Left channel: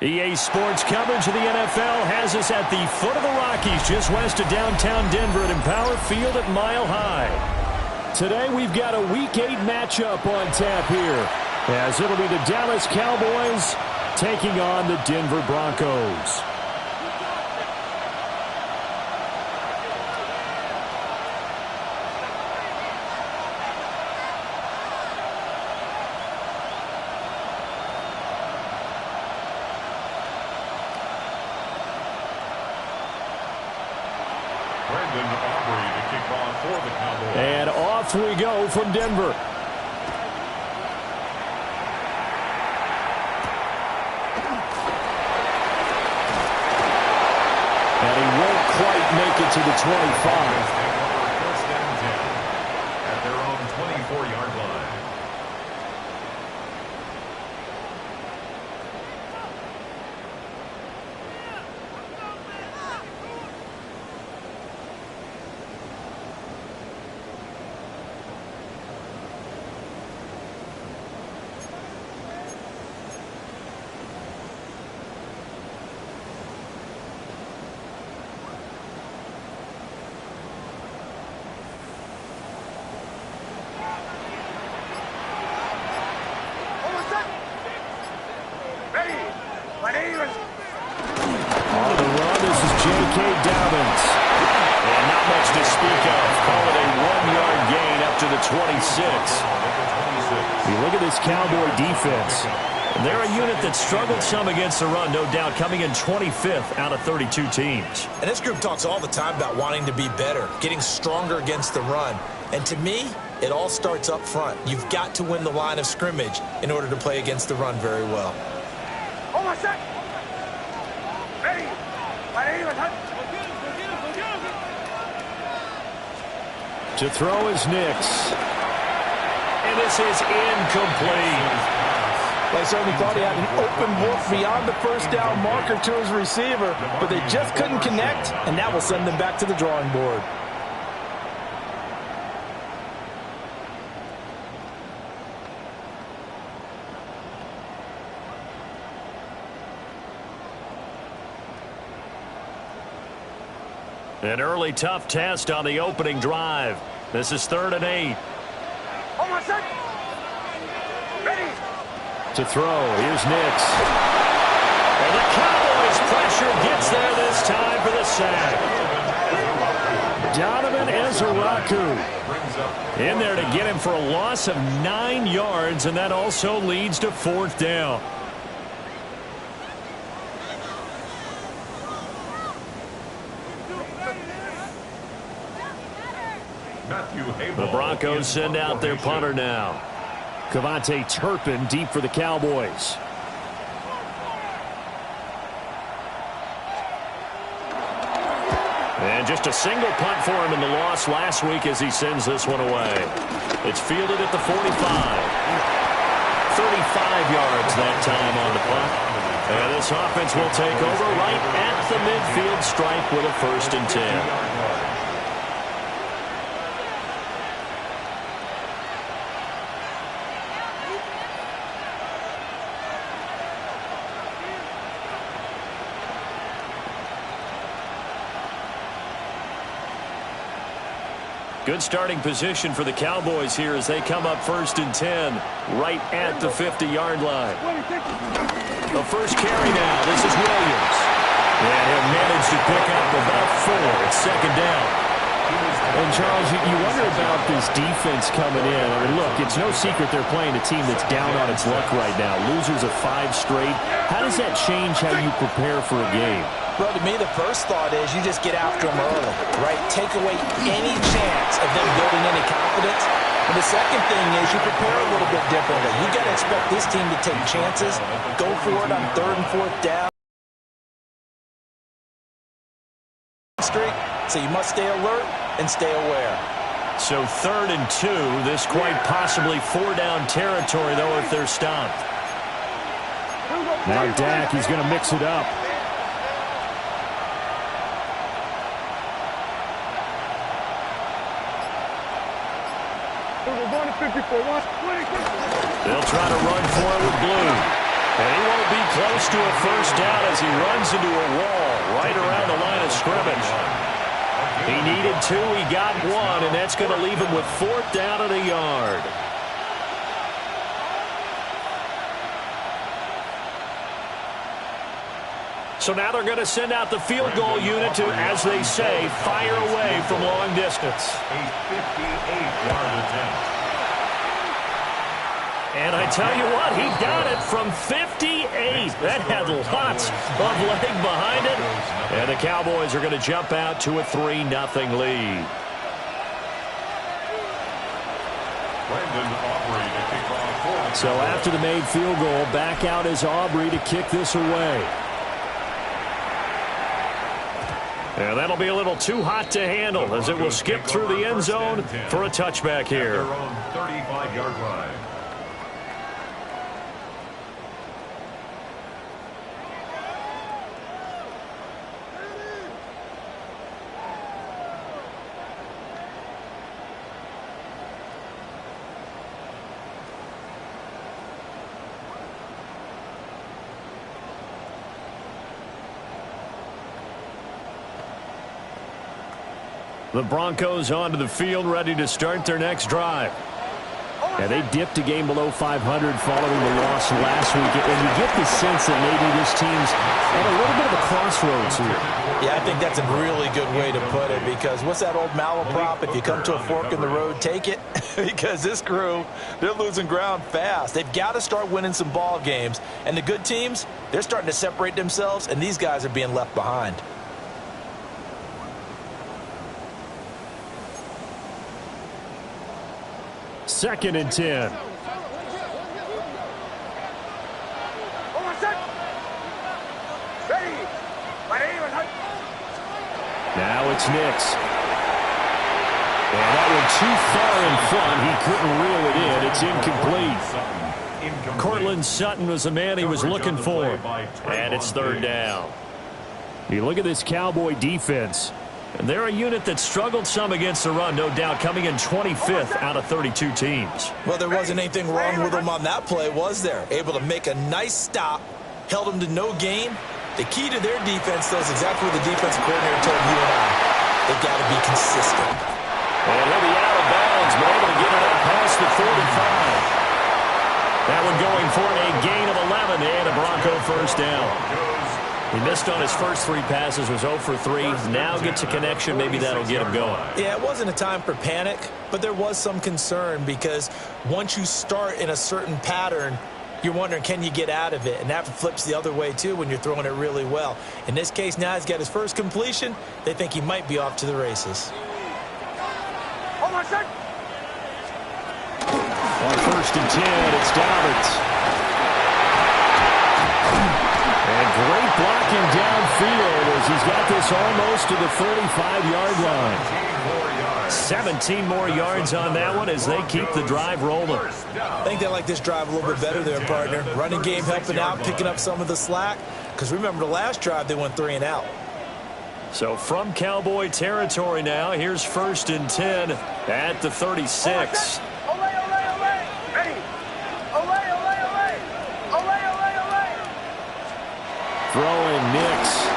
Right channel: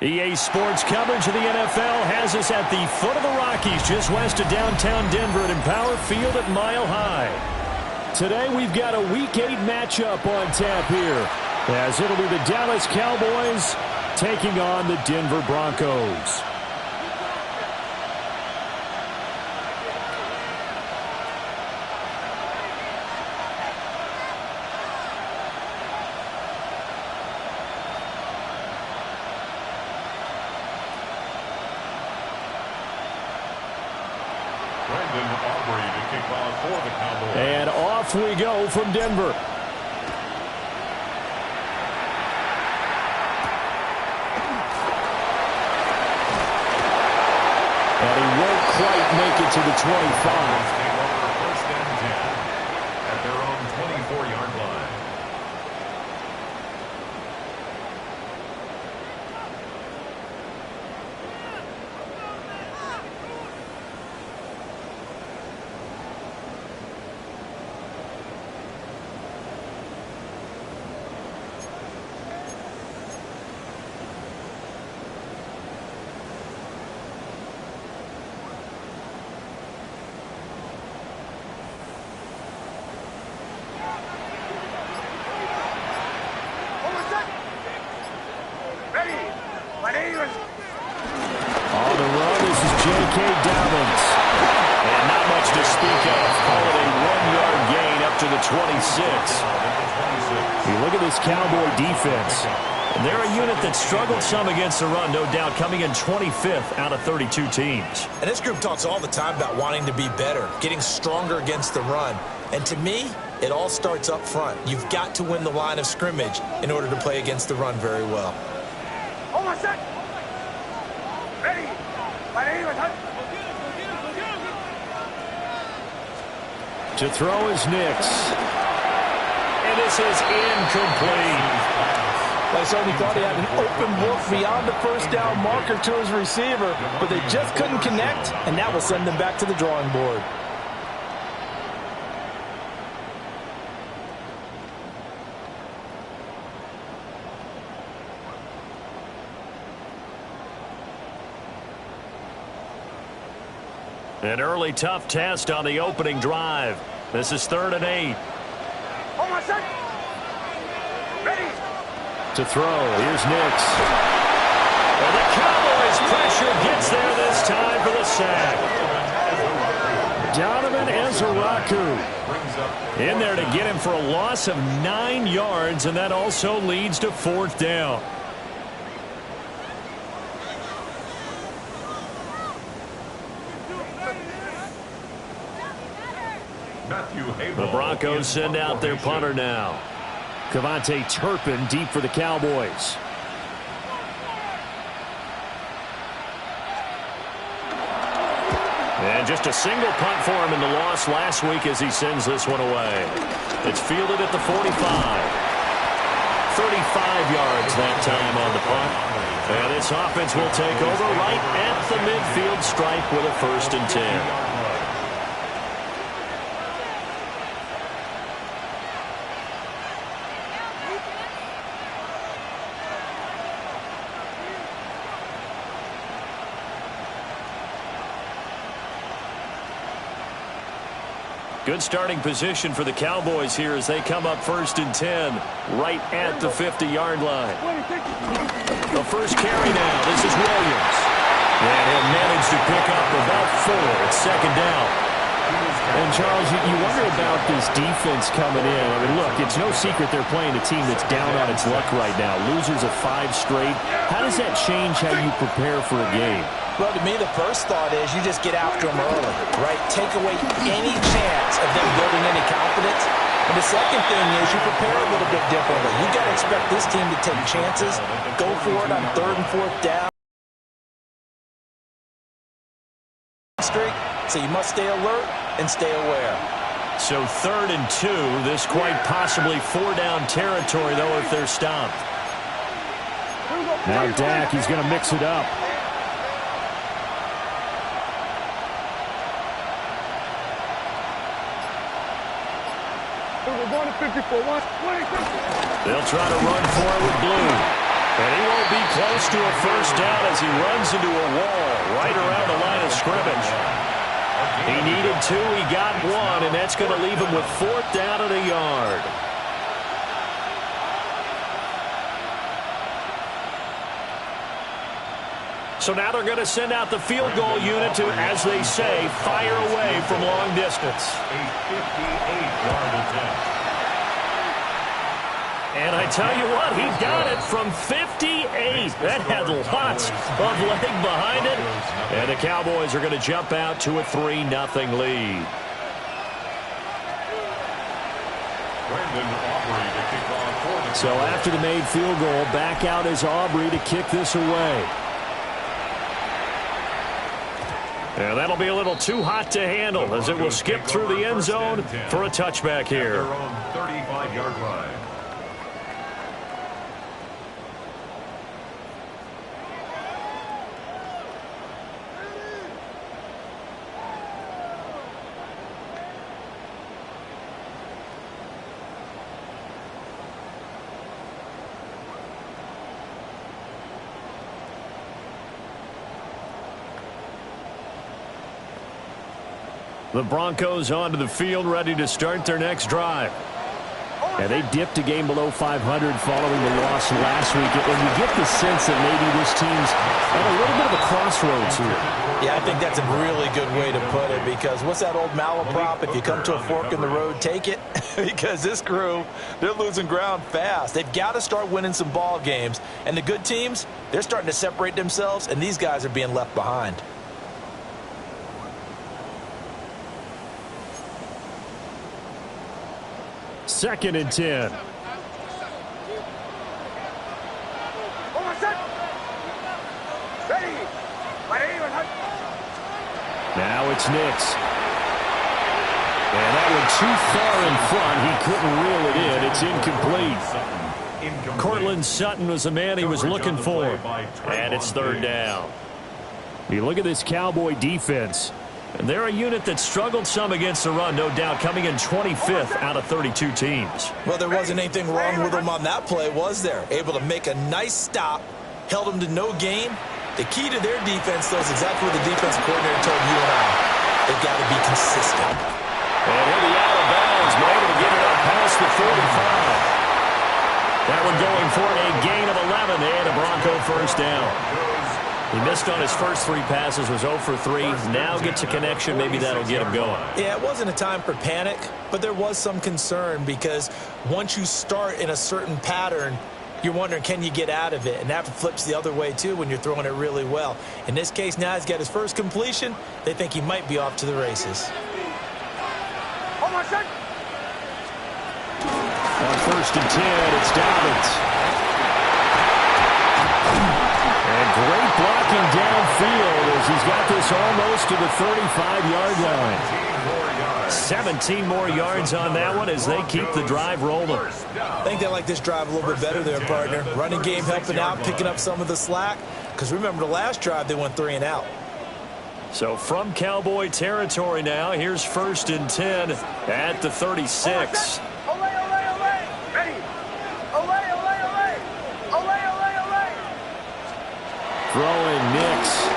EA Sports coverage of the NFL has us at the foot of the Rockies, just west of downtown Denver at Empower Field at Mile High. Today we've got a Week 8 matchup on tap here, as it'll be the Dallas Cowboys taking on the Denver Broncos. And off we go from Denver. And he won't quite make it to the 25. Take over first and 10 at their own 24-yard line. On the run, this is J.K. Dobbins. And not much to speak of. Call it a 1-yard gain up to the 26. You look at this Cowboy defense. They're a unit that struggled some against the run, no doubt, coming in 25th out of 32 teams. And this group talks all the time about wanting to be better, getting stronger against the run. And to me, it all starts up front. You've got to win the line of scrimmage in order to play against the run very well. Hold on a sec. Ready. To throw is Nix. And this is incomplete. They certainly thought he had an open look beyond the first down marker to his receiver, but they just couldn't connect, and that will send them back to the drawing board. An early tough test on the opening drive. This is 3rd and 8. Hold on a sec. Ready. To throw, here's Nix. And the Cowboys pressure gets there this time for the sack. Donovan Ezeraku in there to get him for a loss of 9 yards, and that also leads to 4th down. The Broncos send out their punter now. Cavante Turpin deep for the Cowboys. And just a single punt for him in the loss last week as he sends this one away. It's fielded at the 45. 35 yards that time on the punt. And this offense will take over right at the midfield stripe with a 1st and 10. Good starting position for the Cowboys here as they come up 1st and 10 right at the 50-yard line. The first carry now. This is Williams. And he'll manage to pick up about 4. It's 2nd down. And, Charles, you wonder about this defense coming in. I mean, look, it's no secret they're playing a team that's down on its luck right now. Losers of 5 straight. How does that change how you prepare for a game? Well, to me, the first thought is you just get after them early, right? Take away any chance of them building any confidence. And the second thing is you prepare a little bit differently. You got to expect this team to take chances, go for it on 3rd and 4th down. Streak, so you must stay alert and stay aware. So 3rd and 2, this quite possibly 4-down territory, though, if they're stopped. Now Dak, he's going to mix it up. We're going to 54. They'll try to run for it with blue. And he won't be close to a first down as he runs into a wall right around the line of scrimmage. He needed 2, he got 1, and that's going to leave him with 4th down and a yard. So now they're going to send out the field goal unit to, as they say, fire away from long distance. A 58-yard attempt. And I tell you what, he got it from 58. That had lots of leg behind it. And the Cowboys are going to jump out to a 3-0 lead. So after the made field goal, back out is Aubrey to kick this away. And that'll be a little too hot to handle as it will skip through the end zone for a touchback here. Their own 35-yard line. The Broncos onto the field, ready to start their next drive. Yeah, they dipped a game below 500 following the loss last week, and you get the sense that maybe this team's at a little bit of a crossroads here. Yeah, I think that's a really good way to put it, because what's that old malaprop? If you come to a fork in the road, take it. Because this crew, they're losing ground fast. They've got to start winning some ball games. And the good teams, they're starting to separate themselves, and these guys are being left behind. Second and 10. Now it's Nix. And that one too far in front. He couldn't reel it in. It's incomplete. Cortland Sutton was the man he was looking for. And it's 3rd down. You look at this Cowboy defense. And they're a unit that struggled some against the run, no doubt, coming in 25th out of 32 teams. Well, there wasn't anything wrong with them on that play, was there? Able to make a nice stop, held them to no gain. The key to their defense, though, is exactly what the defensive coordinator told you and I. They've got to be consistent. And he'll be out of bounds, but able to get it up past the 45. That one going for a gain of 11 and a Bronco first down. He missed on his first 3 passes, was 0 for 3. Now gets a connection. Maybe that'll get him going. Yeah, it wasn't a time for panic, but there was some concern because once you start in a certain pattern, you're wondering, can you get out of it? And that flips the other way, too, when you're throwing it really well. In this case, now he's got his first completion. They think he might be off to the races. Oh, my son! On 1st and 10, it's Dobbins. And great blocking downfield as he's got this almost to the 35-yard line. 17 more yards on that one as they keep the drive rolling. I think they like this drive a little bit better there, partner. Running game helping out, picking up some of the slack. Because remember, the last drive they went 3 and out. So from Cowboy territory now, here's 1st and 10 at the 36. Ready! Throwing Nix.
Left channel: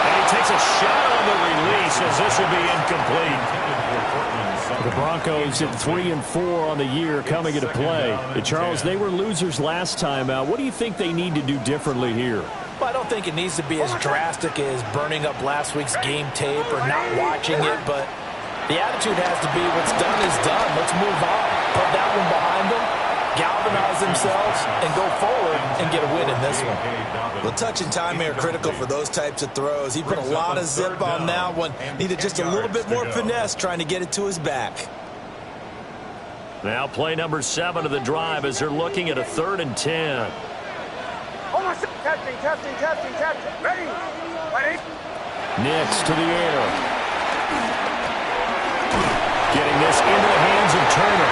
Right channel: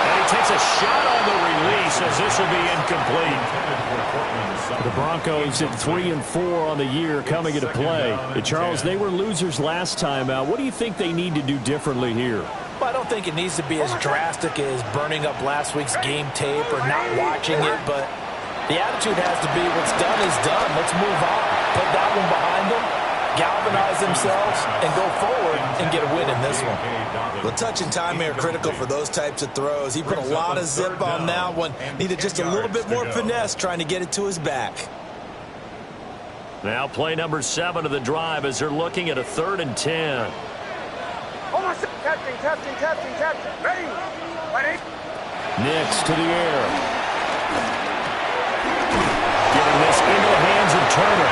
And he takes a shot on the release as this will be incomplete. The Broncos at 3 and 4 on the year coming into play. And Charles, they were losers last time out. What do you think they need to do differently here? Well, I don't think it needs to be as drastic as burning up last week's game tape or not watching it, but the attitude has to be what's done is done. Let's move on. Put that one behind them, galvanize themselves, and go forward and get a win in this one. The touch and time are critical for those types of throws. He put a lot of zip on that one. Needed just a little bit more finesse trying to get it to his back. Now play number 7 of the drive as they're looking at a 3rd and 10. Testing. Ready? Nix to the air. Getting this into the hands of Turner.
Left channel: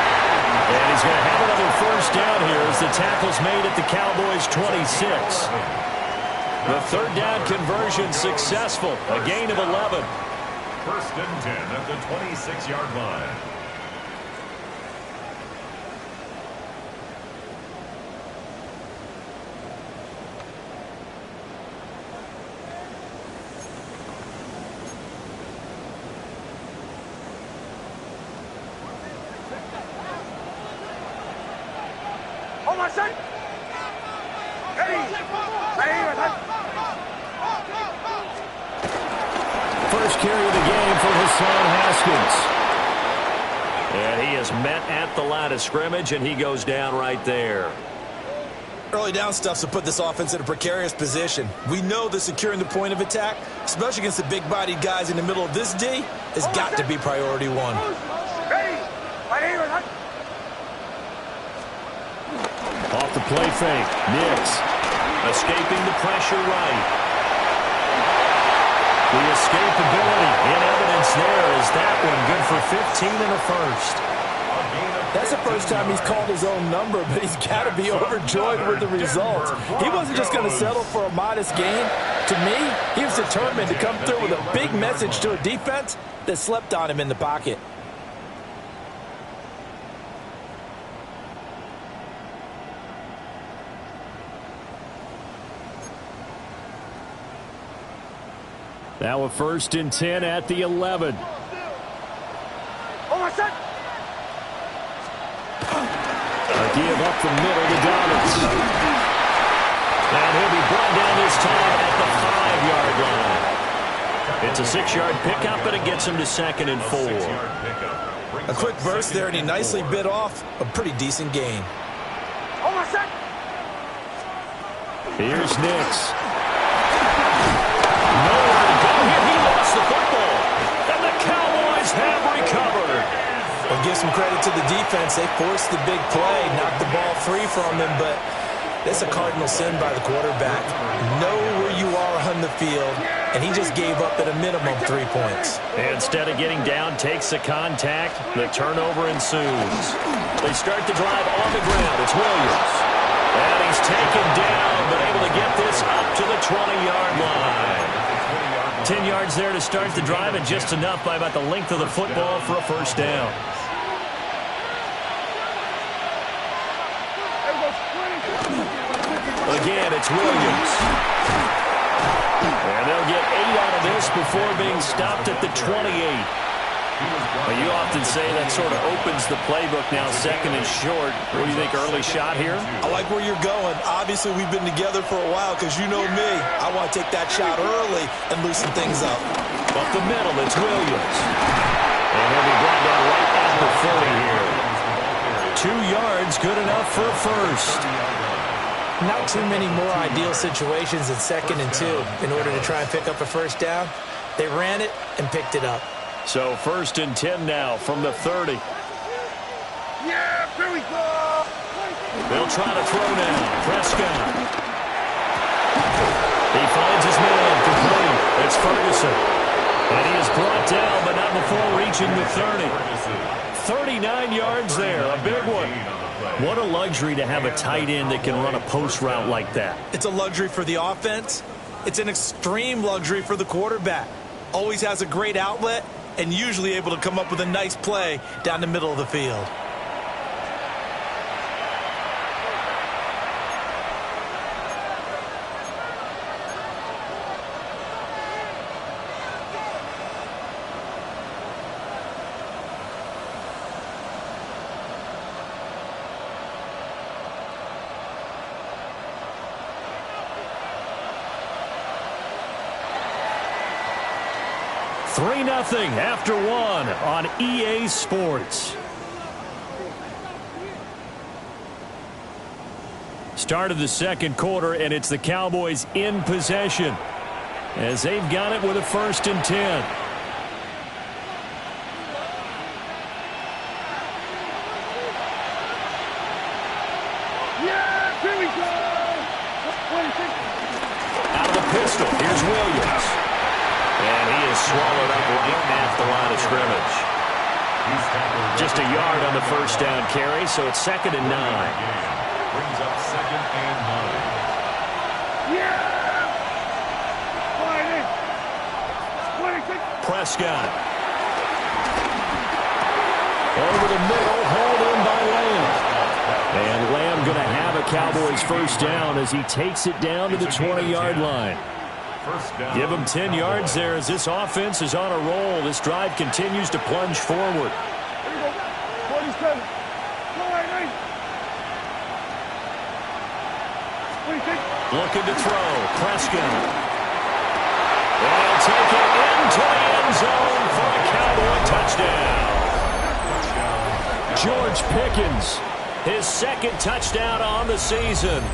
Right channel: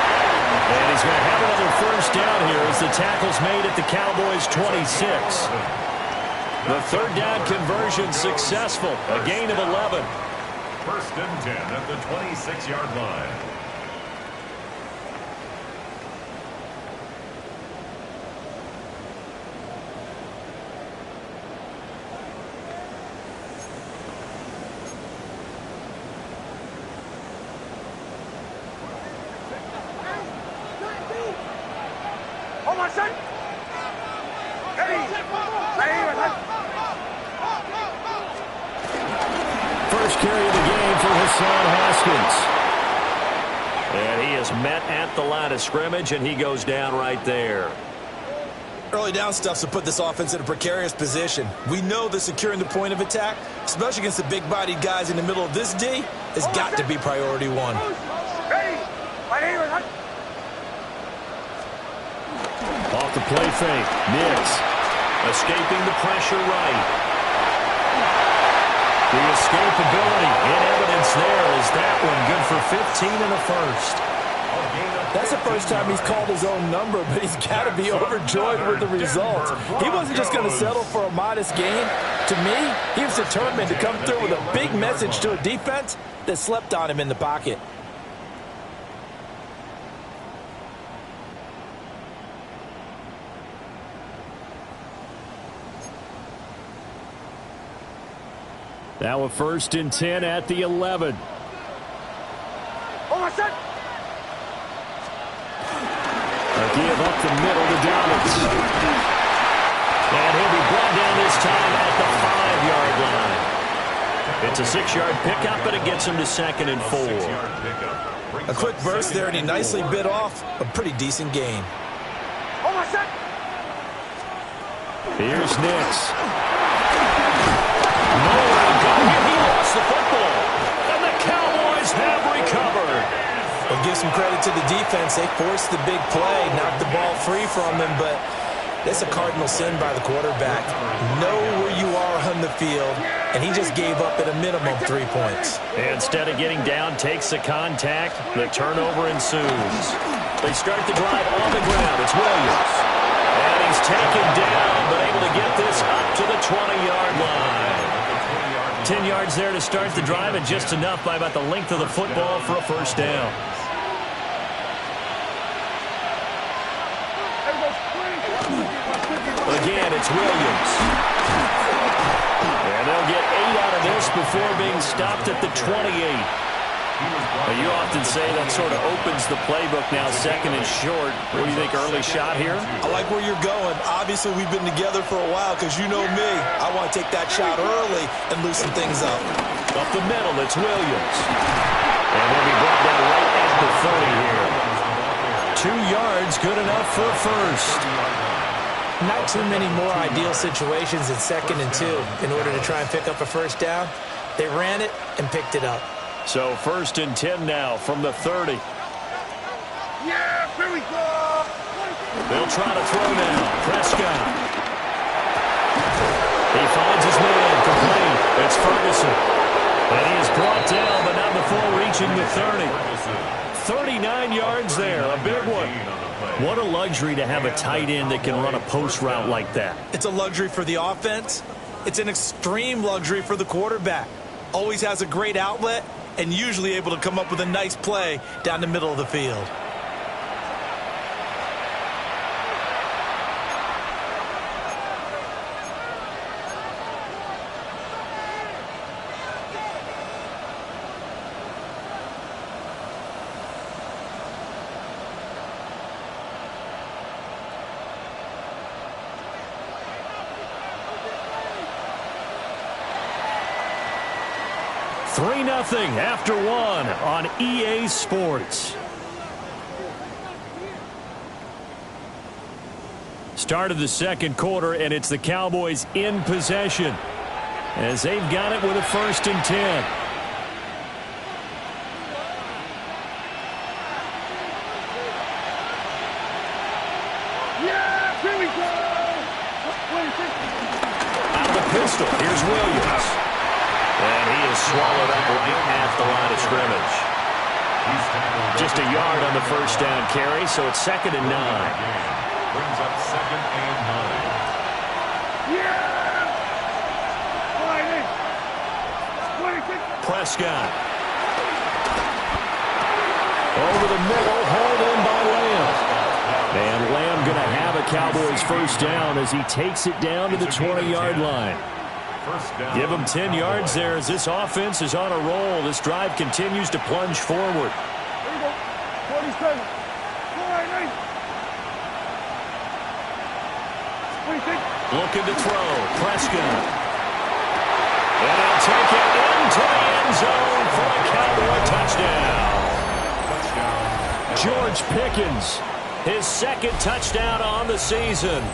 And he's going to have another first down here as the tackle's made at the Cowboys' 26. The 3rd down conversion successful. A gain of 11. 1st and 10 at the 26-yard line. my son. Ready. First carry of the game for Hassan Haskins. And he is met at the line of scrimmage, and he goes down right there. Early down stuff's to put this offense in a precarious position. We know that securing the point of attack, especially against the big-bodied guys in the middle of this D, has got to be priority one. Ready. Off the play fake, Nix escaping the pressure right. The escapability in evidence there is that one good for 15 and a first. That's the first time he's called his own number, but he's got to be overjoyed with the results. He wasn't just going to settle for a modest gain. To me, he was determined to come through with a big message to a defense that slept on him in the pocket. Now a 1st and 10 at the 11. Oh, my son. A give up the middle to Dobbins. And he'll be brought down this time at the 5-yard line. It's a 6-yard pickup, but it gets him to 2nd and 4. A quick burst there, and he nicely bit off a pretty decent gain. Oh, my son. Here's Nix. Nowhere to go here. He lost the football. And the Cowboys have recovered. Well, give some credit to the defense. They forced the big play, knocked the ball free from him, but that's a cardinal sin by the quarterback. Know where you are on the field, and he just gave up at a minimum 3 points. Instead of getting down, takes the contact. The turnover ensues. They start the drive on the ground. It's Williams. And he's taken down, but able to get this up to the 20-yard line. 10 yards there to start the drive, and just enough by about the length of the football for a first down. Again, it's Williams. And they'll get 8 out of this before being stopped at the 28. Well, you often say that sort of opens the playbook now, 2nd and short. What do you think, early shot here? I like where you're going. Obviously, we've been together for a while because you know me. I want to take that shot early and loosen things up. Up the middle, it's Williams. And he'll be brought down right at the 40 here. 2 yards, good enough for a first. Not too many more ideal situations in 2nd and 2 in order to try and pick up a first down. They ran it and picked it up. So 1st and 10 now from the 30. Yeah, here we go. They'll try to throw now. Prescott. He finds his man complete. It's Ferguson. And he is brought down, but not before reaching the 30. 39 yards there, a big one. What a luxury to have a tight end that can run a post route like that. It's a luxury for the offense. It's an extreme luxury for the quarterback. Always has a great outlet and usually able to come up with a nice play down the middle of the field. Nothing after 1 on EA Sports. Start of the 2nd quarter, and it's the Cowboys in possession as they've got it with a 1st and 10. Yeah, here we go. Out of the pistol, here's Williams. And he is swallowed up right at the line of scrimmage. Just a yard on the first down carry, so it's 2nd and 9. Brings up 2nd and 9. Yeah! Prescott. Over the middle, hauled in by Lamb. And Lamb going to have a Cowboys first down as he takes it down to the 20-yard line. Give him 10 yards there as this offense is on a roll. This drive continues to plunge forward. Here we go. 47. Looking to throw. Prescott. And he'll take it into the end zone for a Cowboy touchdown. George Pickens, his second touchdown on the season.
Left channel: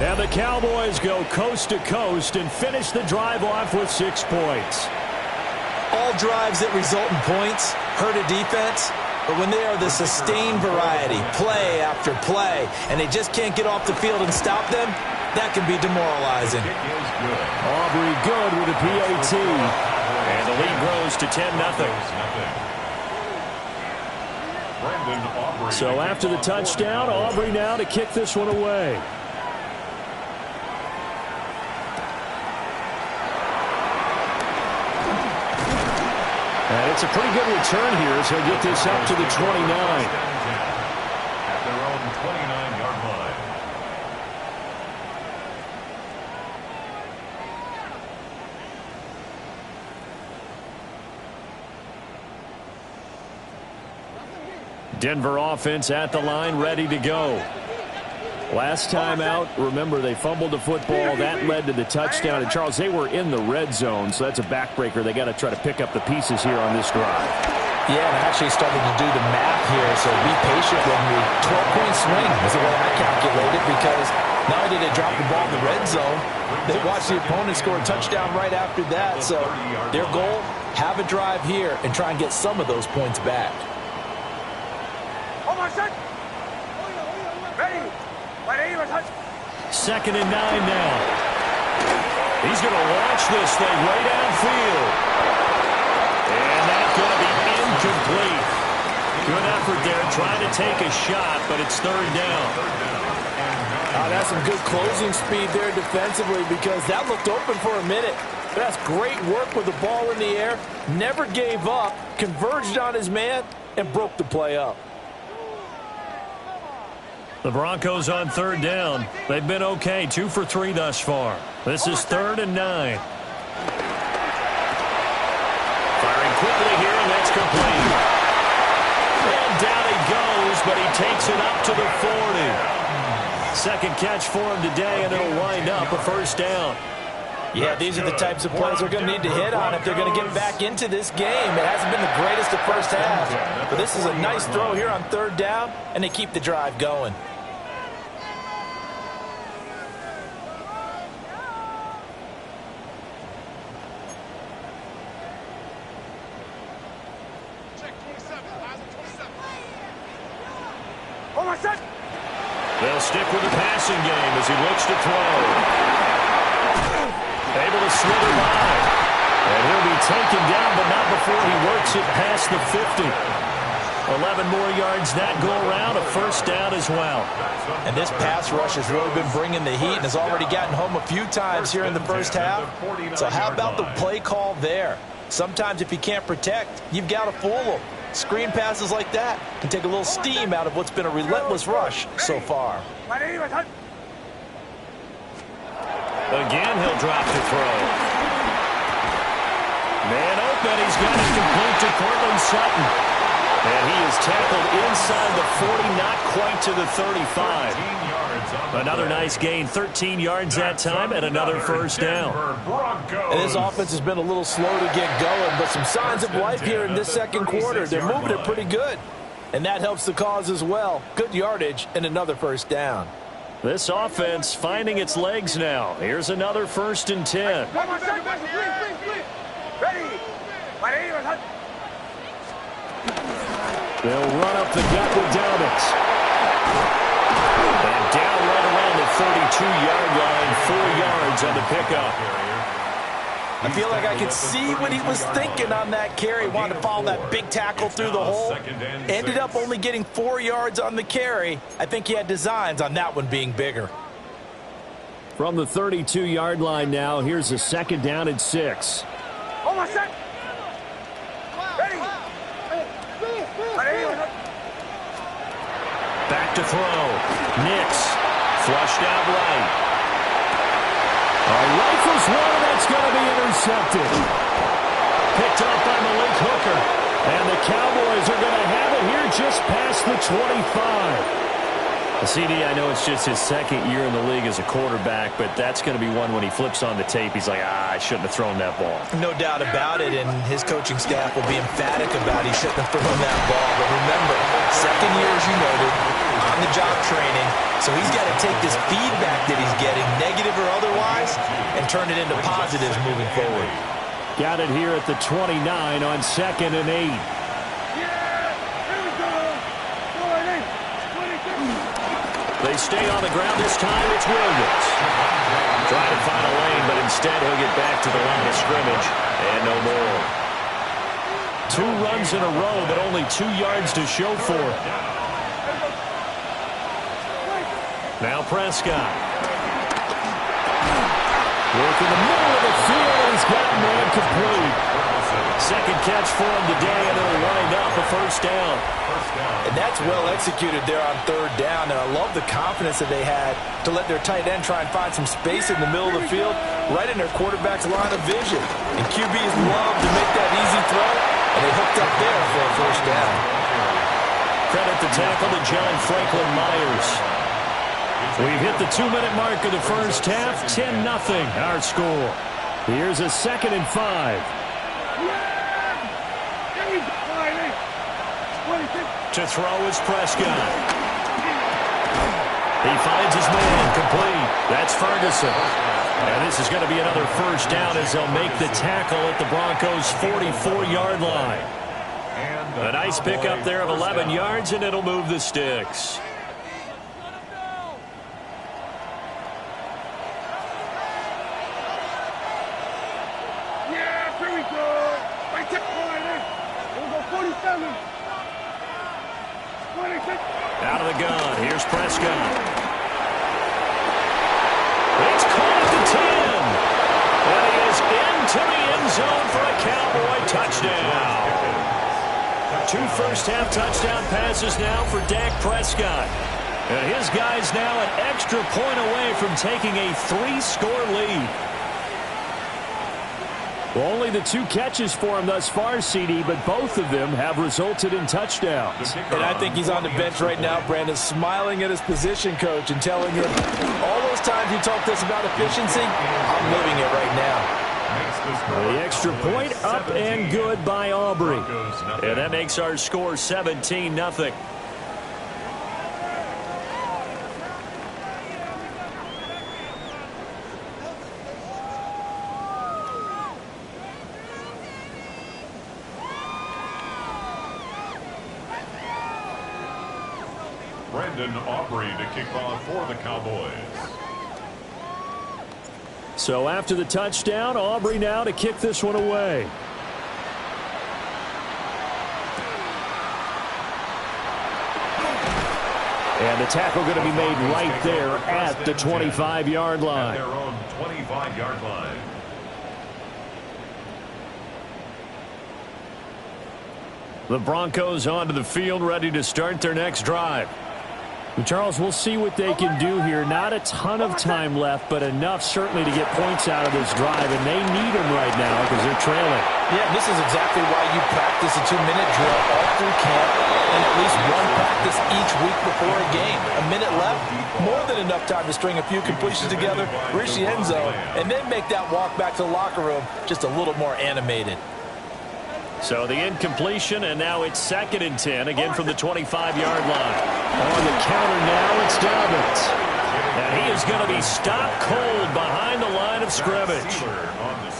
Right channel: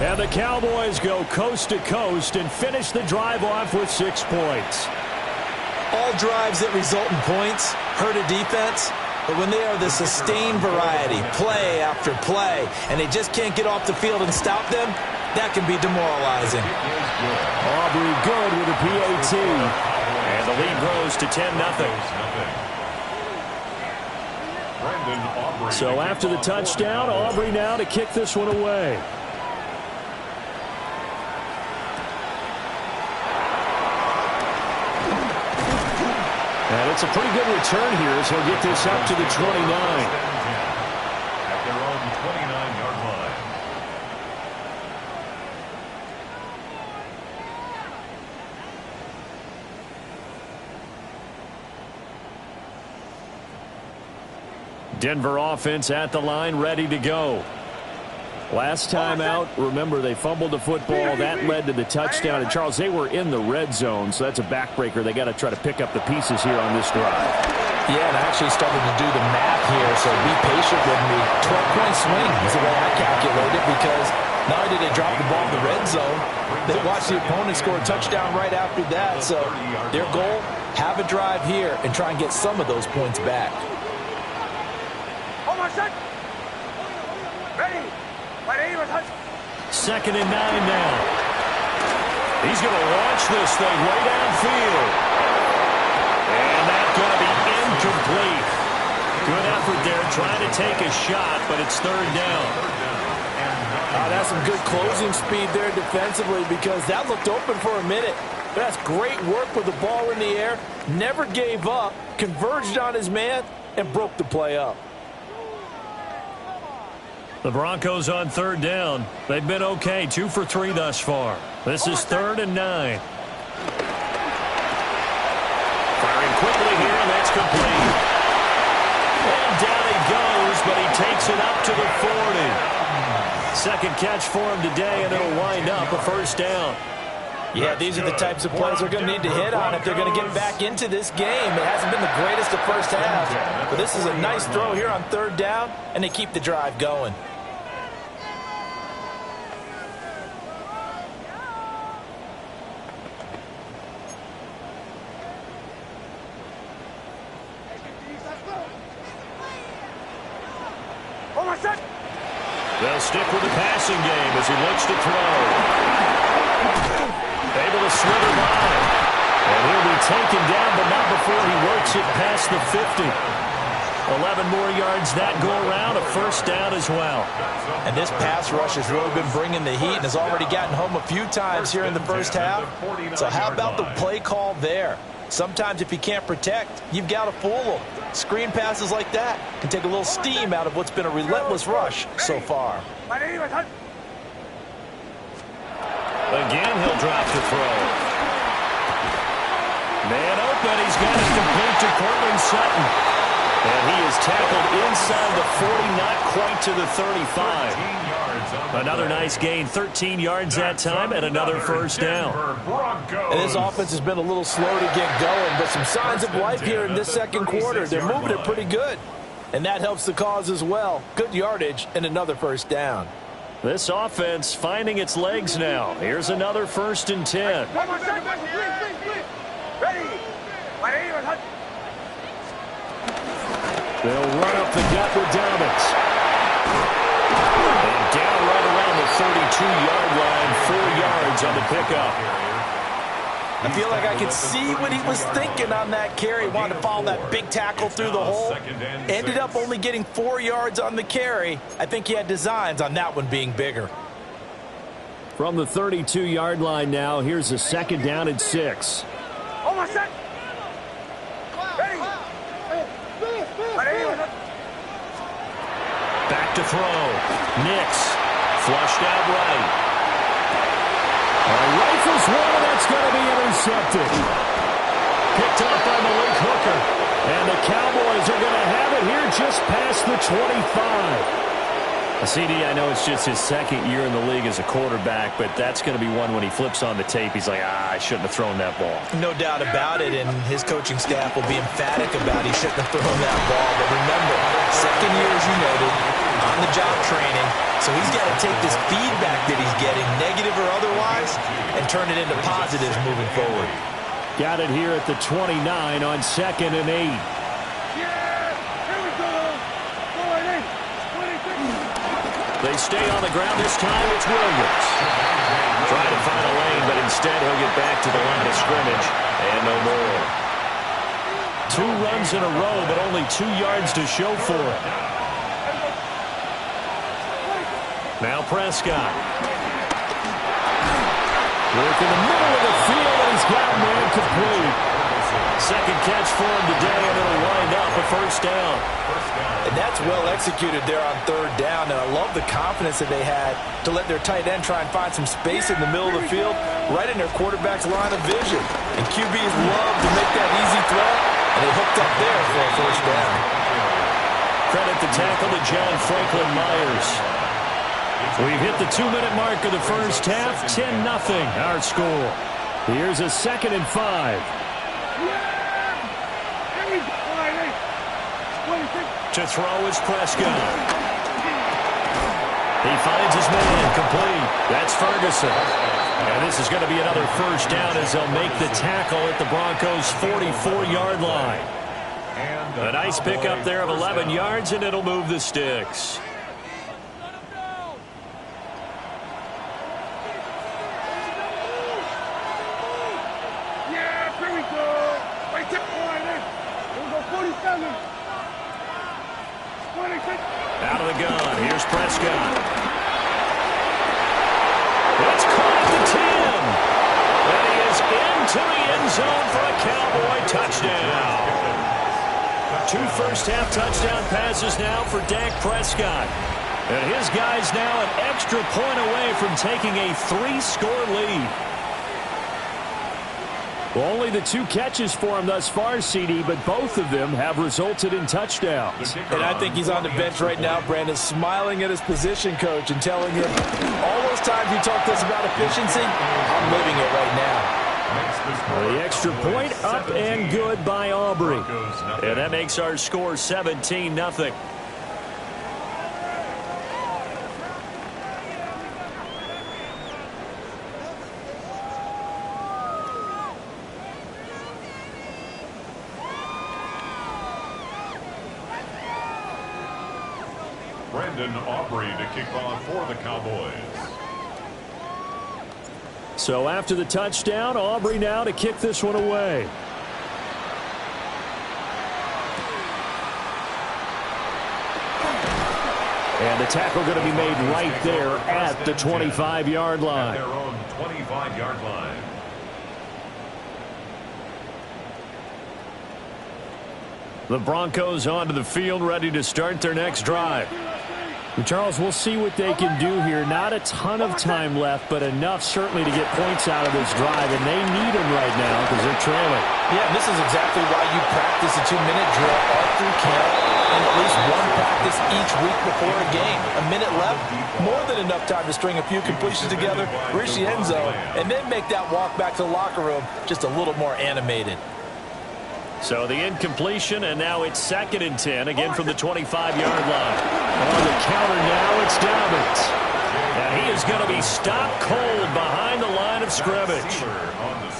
And the Cowboys go coast to coast and finish the drive off with 6 points. All drives that result in points hurt a defense, but when they are the sustained variety, play after play, and they just can't get off the field and stop them, that can be demoralizing. Aubrey good with a PAT. And the lead grows to 10-0. So after the touchdown, Aubrey now to kick this one away. And it's a pretty good return here as he'll get this up to the 29. At their own 29-yard line. Denver offense at the line, ready to go. Last time out, remember, they fumbled the football. That led to the touchdown. And, Charles, they were in the red zone, so that's a backbreaker. They got to try to pick up the pieces here on this drive. Yeah, and I actually started to do the math here, so be patient with me. 12-point swing is the way I calculate it, because not only did they drop the ball in the red zone, they watched the opponent score a touchdown right after that. So their goal, have a drive here and try and get some of those points back. Ready. 2nd and 9 now. He's going to launch this thing way downfield. And that's going to be incomplete. Good effort there trying to take a shot, but it's 3rd down. That's some good closing speed there defensively, because that looked open for a minute. That's great work with the ball in the air. Never gave up, converged on his man, and broke the play up. The Broncos on 3rd down. They've been okay, 2 for 3 thus far. This is 3rd and 9. Firing quickly here, and that's complete. And down he goes, but he takes it up to the 40. Second catch for him today, and it'll wind up a 1st down. Yeah, these are the types of plays they're going to need to hit on if they're going to get back into this game. It hasn't been the greatest of first halves, but this is a nice throw here on 3rd down, and they keep the drive going. They'll stick with the passing game as he looks to throw. Able to slither by. And he'll be taken down, but not before he works it past the 50. 11 more yards that go around, a 1st down as well. And this pass rush has really been bringing the heat and has already gotten home a few times here in the first half. So how about the play call there? Sometimes if you can't protect, you've got to fool them. Screen passes like that can take a little steam out of what's been a relentless rush so far. Again, he'll drop to throw. Man open, he's got it complete to Cortland Sutton. And he is tackled inside the 40, not quite to the 35. Another nice gain, 13 yards that time, and another 1st down. And this offense has been a little slow to get going, but some signs of life here in this 2nd quarter. They're moving it pretty good, and that helps the cause as well. Good yardage and another 1st down. This offense finding its legs now. Here's another 1st and 10. They'll run up the gut with Dobbins. And down right around the 32-yard line, 4 yards on the pickup. I feel like I could see what he was thinking on that carry. Wanted to follow that big tackle through the hole. Ended up only getting 4 yards on the carry. I think he had designs on that one being bigger. From the 32-yard line now, here's a 2nd down and 6. Back to throw. Nix. Flushed out right. Rifles one, and that's going to be intercepted. Picked up by Malik Hooker. And the Cowboys are going to have it here just past the 25. CD, I know it's just his second year in the league as a quarterback, but that's going to be one when he flips on the tape. He's like, I shouldn't have thrown that ball. No doubt about it, and his coaching staff will be emphatic about he shouldn't have thrown that ball. But remember, second year, as you noted, on-the-job training, so he's got to take this feedback that he's getting, negative or otherwise, and turn it into positives moving forward. Got it here at the 29 on 2nd and 8. They stay on the ground. This time it's Williams. Trying to find a lane, but instead he'll get back to the line of scrimmage. And no more. 2 runs in a row, but only 2 yards to show for it. Now Prescott. Work in the middle of the field, and he's got man complete. Second catch for him today, and it'll wind up a first down. And that's well executed there on 3rd down, and I love the confidence that they had to let their tight end try and find some space in the middle of the field, right in their quarterback's line of vision. And QBs love to make that easy throw, and they hooked up there for a first down. Credit the tackle to John Franklin Myers. We've hit the 2-minute mark of the first half, 10-0 our score. Here's a 2nd and 5. To throw is Prescott. He finds his man complete. That's Ferguson. And this is going to be another first down as they'll make the tackle at the Broncos' 44-yard line. A nice pickup there of 11 yards, and it'll move the sticks. Yeah, here we go. Right there. Here we go, 47. 26. Out of the gun. Here's Prescott. It's caught at the 10. And he is into the end zone for a Cowboy touchdown. 2 first-half touchdown passes now for Dak Prescott. And his guys now an extra point away from taking a 3-score lead. Well, only the 2 catches for him thus far, CD, but both of them have resulted in touchdowns. And I think he's on the bench right now, Brandon, smiling at his position coach and telling him, all those times you talked to us about efficiency, I'm living it right now. The extra point up and good by Aubrey. And that makes our score 17-0. Brandon Aubrey to kick off for the Cowboys. So after the touchdown, Aubrey now to kick this one away. And the tackle going to be made right there at the 25-yard line. At their own 25-yard line. The Broncos onto the field, ready to start their next drive. Charles, we'll see what they can do here. Not a ton of time left, but enough certainly to get points out of this drive, and they need them right now because they're trailing. Yeah, and this is exactly why you practice a 2-minute drill all through camp and at least one practice each week before a game. A minute left, more than enough time to string a few completions together, reach the end zone, and then make that walk back to the locker room just a little more animated. So the incompletion, and now it's 2nd and 10, again from the 25-yard line. On the counter now, it's Dobbins. And he is going to be stopped cold behind the line of scrimmage.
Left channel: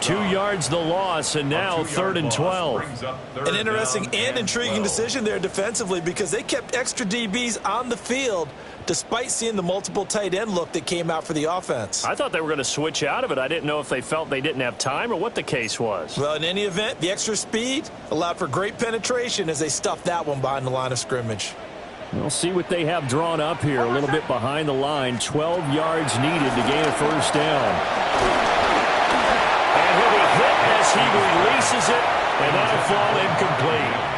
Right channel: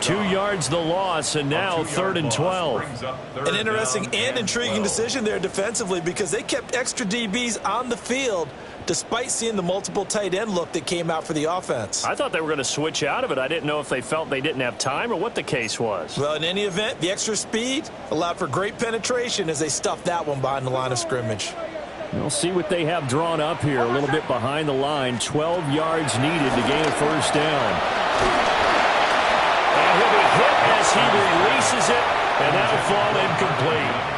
2 yards the loss, and now 3rd and 12. An interesting and intriguing decision there defensively because they kept extra DBs on the field despite seeing the multiple tight end look that came out for the offense. I thought they were going to switch out of it. I didn't know if they felt they didn't have time or what the case was. Well, in any event, the extra speed allowed for great penetration as they stuffed that one behind the line of scrimmage. We'll see what they have drawn up here. A little bit behind the line. 12 yards needed to gain a first down. And he'll be hit as he releases it, and that'll fall incomplete.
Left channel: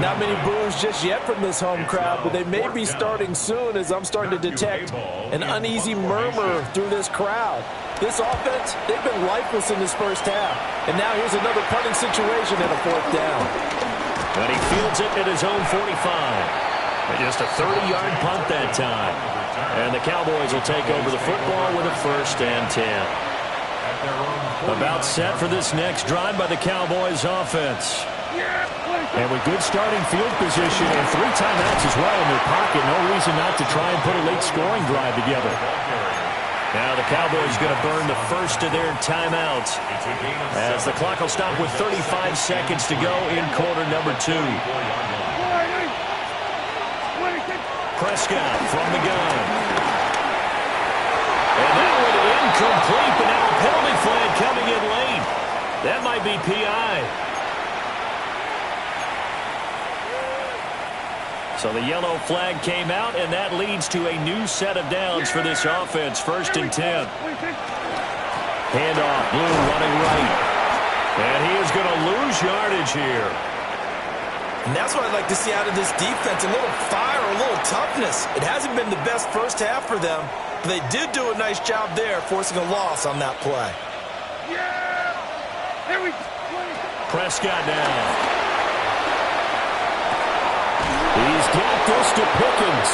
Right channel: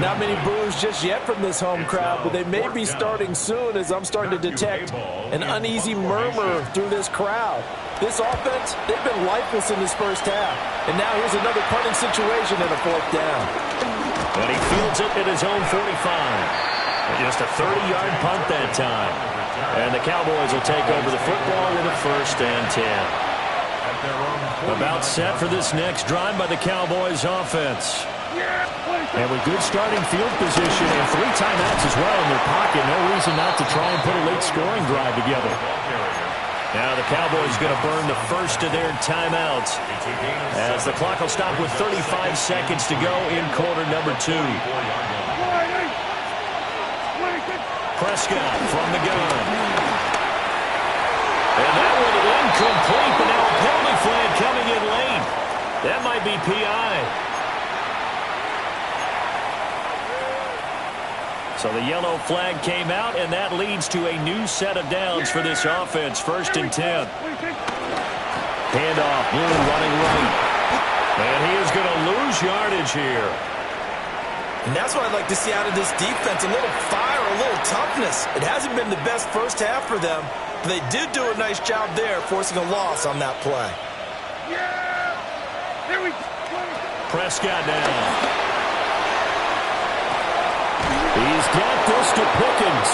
Not many boos just yet from this home crowd, but they may be starting soon as I'm starting to detect an uneasy murmur through this crowd. This offense, they've been lifeless in this first half. And now here's another punting situation and a 4th down. And he fields it at his own 45. Just a 30-yard punt that time. And the Cowboys will take over the football with a 1st and 10. About set for this next drive by the Cowboys offense. And with good starting field position and 3 timeouts as well in their pocket, no reason not to try and put a late scoring drive together. Now the Cowboys going to burn the first of their timeouts as the clock will stop with 35 seconds to go in quarter number 2. Prescott from the gun. And that one incomplete, but now a penalty flag coming in late. That might be PI. So the yellow flag came out, and that leads to a new set of downs for this offense. 1st and 10. Handoff, Blue running right. And he is going to lose yardage here. And that's what I'd like to see out of this defense, a little fire, a little toughness. It hasn't been the best first half for them, but they did do a nice job there, forcing a loss on that play. Prescott now. He's got this to Pickens.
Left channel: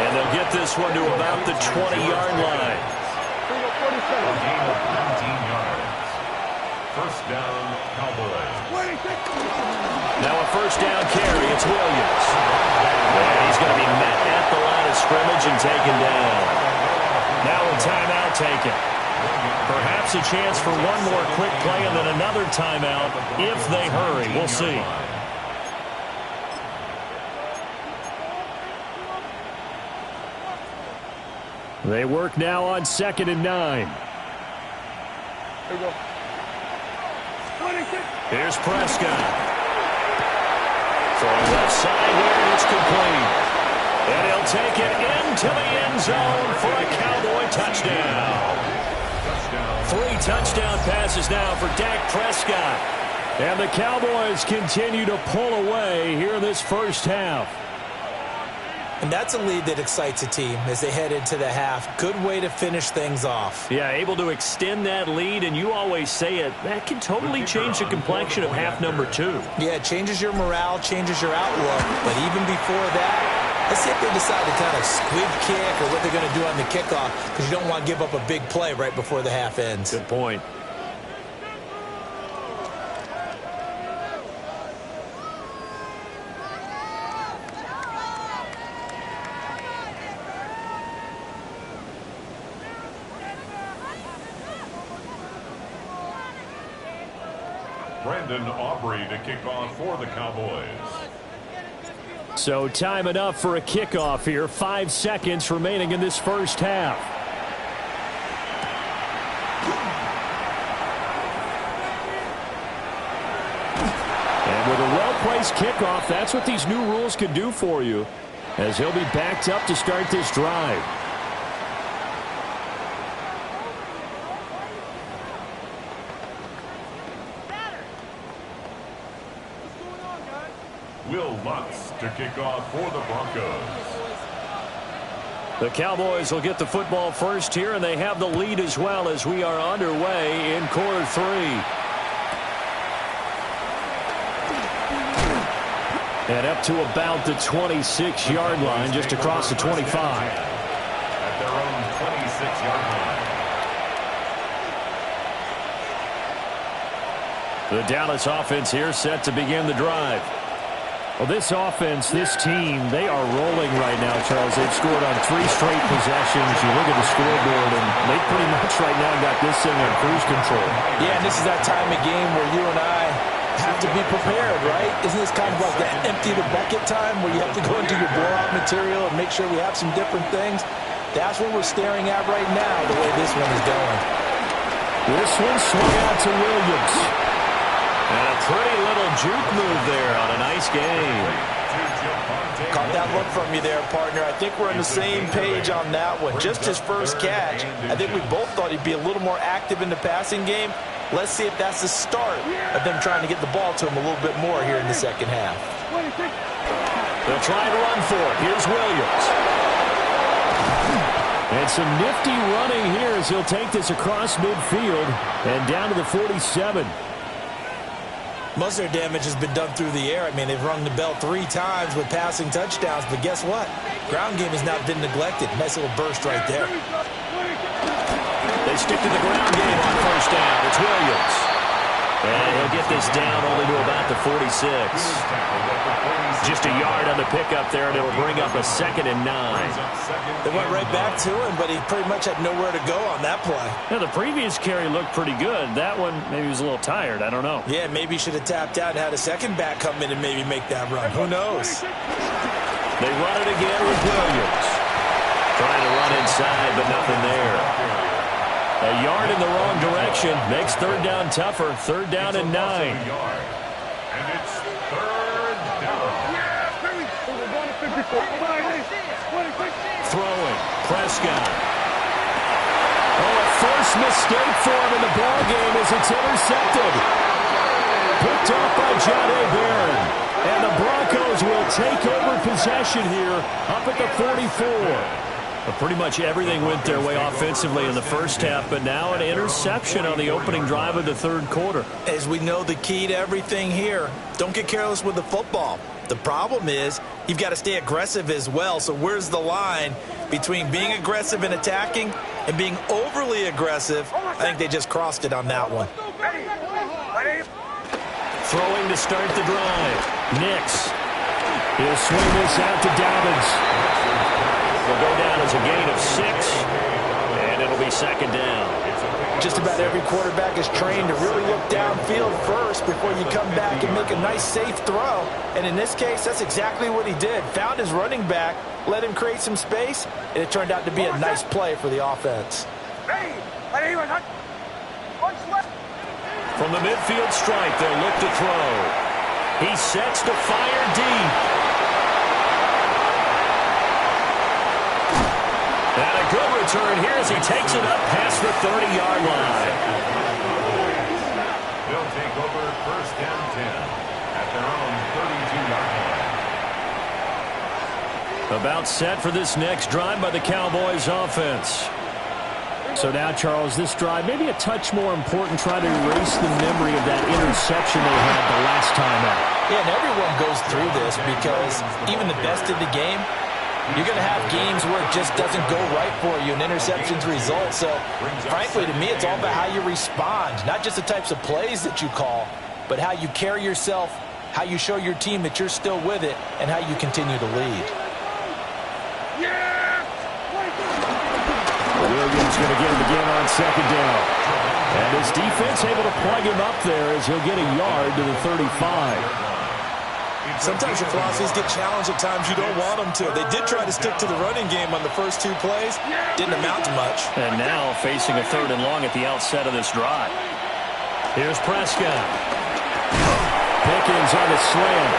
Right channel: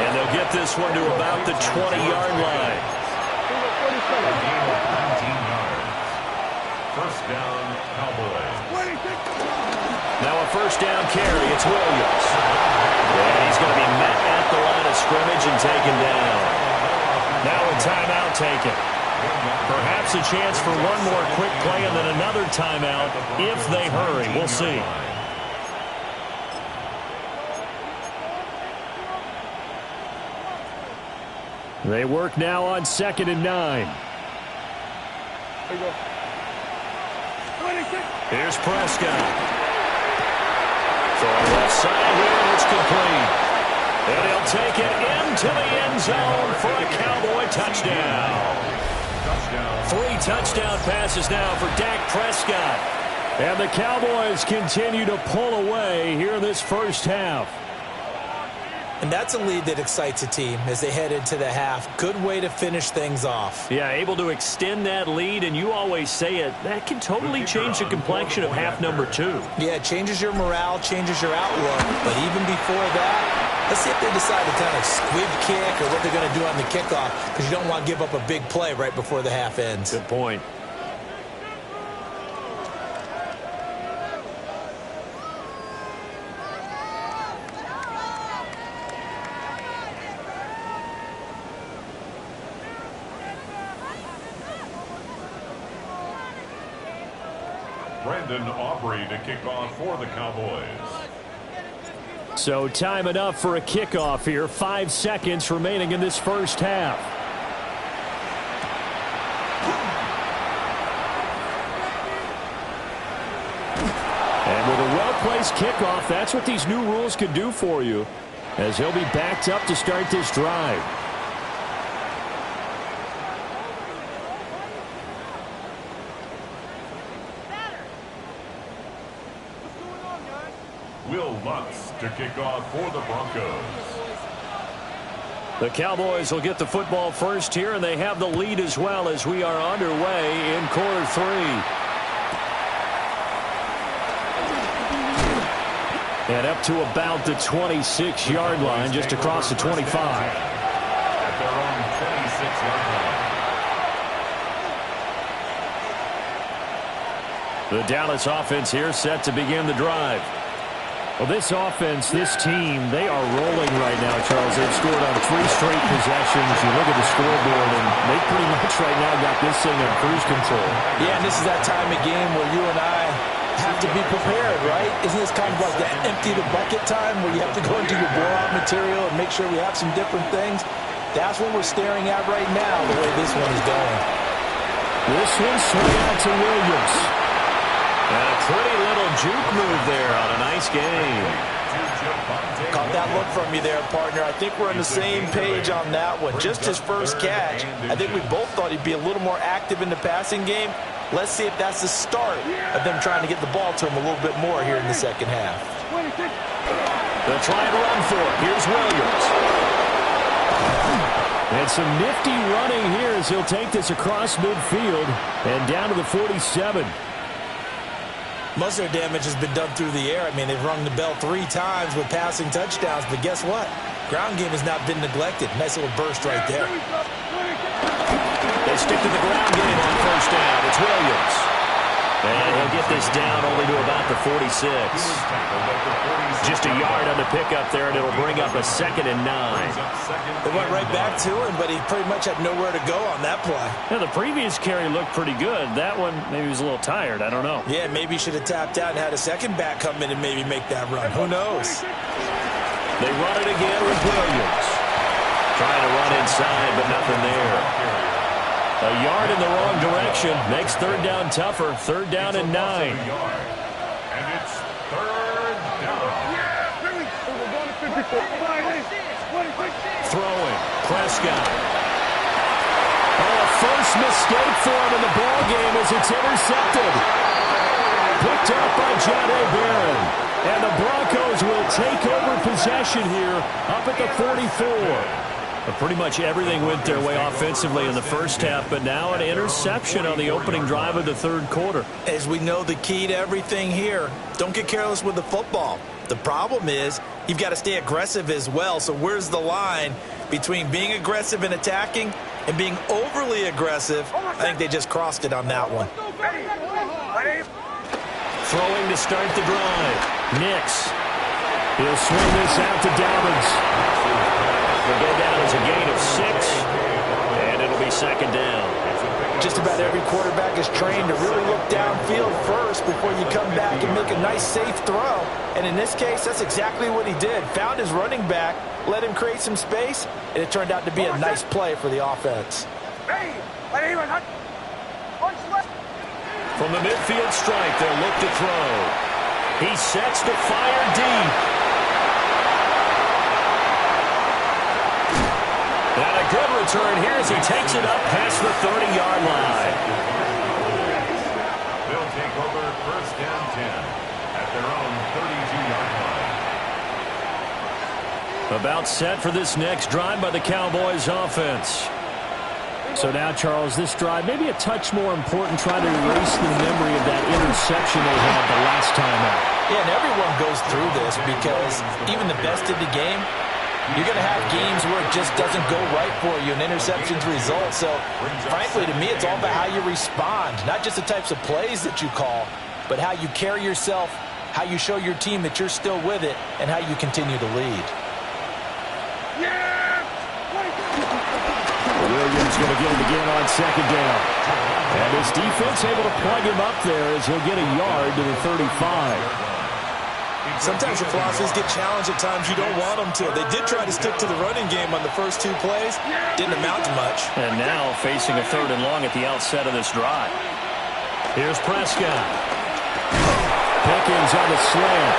And they'll get this one to about the 20-yard line. A gain of 19 yards. 1st down, Cowboys. Now a 1st down carry. It's Williams. And he's going to be met at the line of scrimmage and taken down. Now a timeout taken. Perhaps a chance for one more quick play and then another timeout if they hurry. We'll see. They work now on 2nd and 9. There you go. Here's Prescott. Throwing left side here, and it's complete. And he'll take it into the end zone for a Cowboy touchdown. 3 touchdown passes now for Dak Prescott. And the Cowboys continue to pull away here in this first half. And that's a lead that excites a team as they head into the half. Good way to finish things off. Yeah, able to extend that lead, and you always say it, that can totally change the complexion of half number 2. Yeah, it changes your morale, changes your outlook. But even before that, let's see if they decide to kind of squib kick or what they're going to do on the kickoff, because you don't want to give up a big play right before the half ends. Good point. Brandon Aubrey to kick off for the Cowboys. So time enough for a kickoff here. 5 seconds remaining in this first half. And with a well-placed kickoff, that's what these new rules can do for you, as he'll be backed up to start this drive. Will Lutz to kick off for the Broncos. The Cowboys will get the football first here, and they have the lead as well as we are underway in quarter 3. And up to about the 26-yard line, just across the 25. At their own 26-yard line. The Dallas offense here set to begin the drive. Well, this offense, this team, they are rolling right now, Charles. They've scored on 3 straight possessions. You look at the scoreboard, and they pretty much right now got this thing on cruise control. Yeah, and this is that time of game where you and I have to be prepared, right? Isn't this kind of like that empty the bucket time where you have to go into your blowout material and make sure we have some different things? That's what we're staring at right now, the way this one is going. This one swung out to Williams. And a pretty little juke move there on a nice game. Caught that look from you there, partner. I think we're on the same page on that one. Just his first catch. I think we both thought he'd be a little more active in the passing game. Let's see if that's the start of them trying to get the ball to him a little bit more here in the second half. They'll try and run for it. Here's Williams. And some nifty running here as he'll take this across midfield and down to the 47. Most of their damage has been done through the air. I mean, they've rung the bell 3 times with passing touchdowns, but guess what? Ground game has not been neglected. Nice little burst right there. They stick to the ground game on first down. It's Williams. And he'll get this down only to about the 46. Just a yard on the pickup there, and it'll bring up a 2nd and 9. They went right back to him, but he pretty much had nowhere to go on that play. Yeah, the previous carry looked pretty good. That one, maybe he was a little tired. I don't know. Yeah, maybe he should have tapped out and had a second back come in and maybe make that run. Who knows? They run it again with Williams. Trying to run inside, but nothing there. A yard in the wrong direction makes third down tougher. Third down and 9. And it's third down. Throwing. Prescott. Oh, a first mistake for him in the ball game as it's intercepted. Picked up by John A. Barron. And the Broncos will take over possession here up at the 44. But pretty much everything went their way offensively in the first half, but now an interception on the opening drive of the third quarter. As we know, the key to everything here, don't get careless with the football. The problem is you've got to stay aggressive as well. So where's the line between being aggressive and attacking and being overly aggressive? I think they just crossed it on that one. Throwing to start the drive. Nix. He'll swing this out to Dobbins. Will go down as a gain of 6, and it'll be 2nd down. Just about every quarterback is trained to really look downfield first before you come back and make a nice, safe throw. And in this case, that's exactly what he did. Found his running back, let him create some space, and it turned out to be a nice play for the offense. From the midfield stripe, they'll look to throw. He sets to fire deep. And a good return here as he takes it up past the 30-yard line. They'll take over first down 10 at their own 32-yard line. About set for this next drive by the Cowboys offense. So now, Charles, this drive maybe a touch more important, trying to erase the memory of that interception they had the last time out. Yeah, and everyone goes through this because even the best of the game, you're going to have games where it just doesn't go right for you and interceptions result. So, frankly, to me, it's all about how you respond, not just the types of plays that you call, but how you carry yourself, how you show your team that you're still with it, and how you continue to lead. Williams going to get it again on 2nd down. And his defense able to plug him up there as he'll get a yard to the 35. Sometimes your philosophies get challenged at times you don't want them to. They did try to stick to the running game on the first 2 plays. Didn't amount to much. And now facing a 3rd and long at the outset of this drive. Here's Prescott. Pickens on the slant.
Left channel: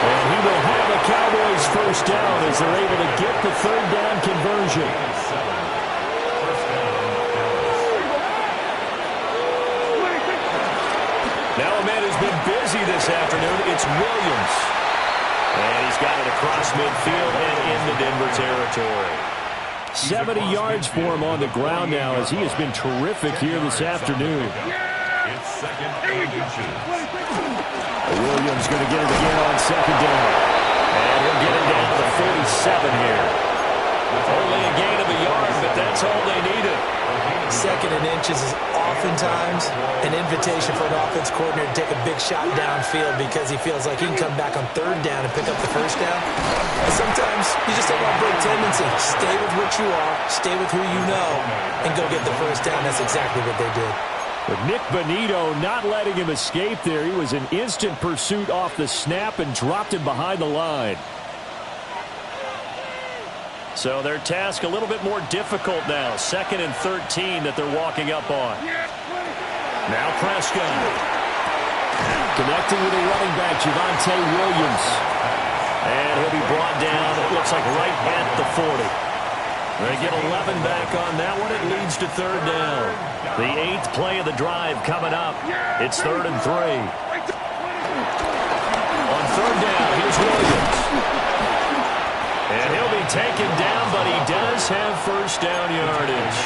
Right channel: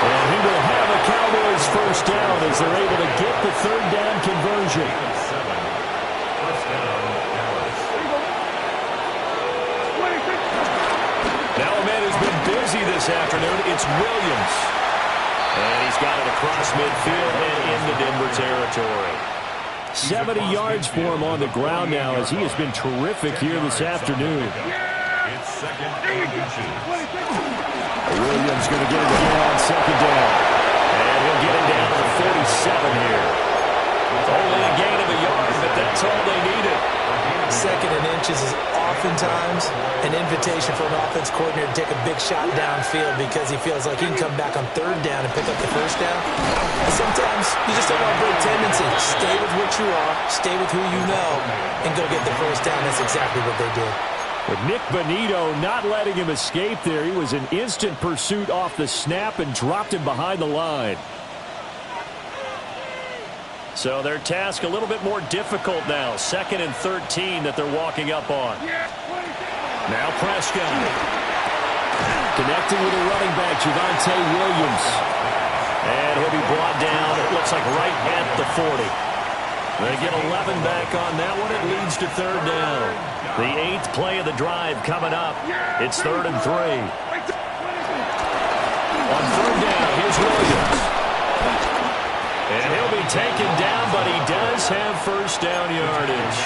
And he will have a Cowboys first down as they're able to get the 3rd down conversion. Now a man who's been busy this afternoon, it's Williams. And he's got it across midfield and into Denver territory. 70 yards for him on the ground now as he has been terrific here this afternoon. It's 2nd and inches. Williams going to get it again on 2nd down. And he'll get it down to the 47 here. Only a gain of a yard, but that's all they needed. 2nd and inches is oftentimes an invitation for an offense coordinator to take a big shot downfield because he feels like he can come back on 3rd down and pick up the first down. And sometimes you just don't want to break tendency. Stay with what you are, stay with who you know, and go get the first down. That's exactly what they did. With Nick Bonito not letting him escape there, he was in instant pursuit off the snap and dropped him behind the line. So their task a little bit more difficult now. 2nd and 13 that they're walking up on. Now Prescott. Connecting with the running back, Javonte Williams. And he'll be brought down, it looks like right at the 40. They get 11 back on that one. It leads to 3rd down. The 8th play of the drive coming up. It's 3rd and 3. On 3rd down, here's Williams. And he'll be taken down, but he does have first down yardage.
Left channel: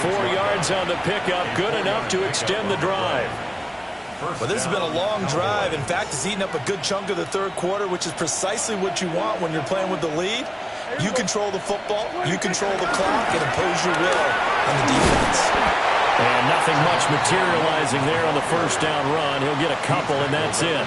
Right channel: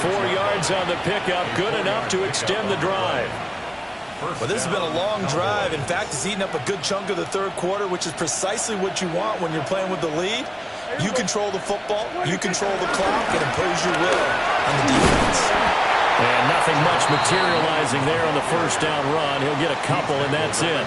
4 yards on the pickup, good enough to extend the drive. Well, this has been a long drive. In fact, it's eaten up a good chunk of the third quarter, which is precisely what you want when you're playing with the lead. You control the football, you control the clock, and impose your will on the defense. And nothing much materializing there on the first down run. He'll get a couple, and that's it.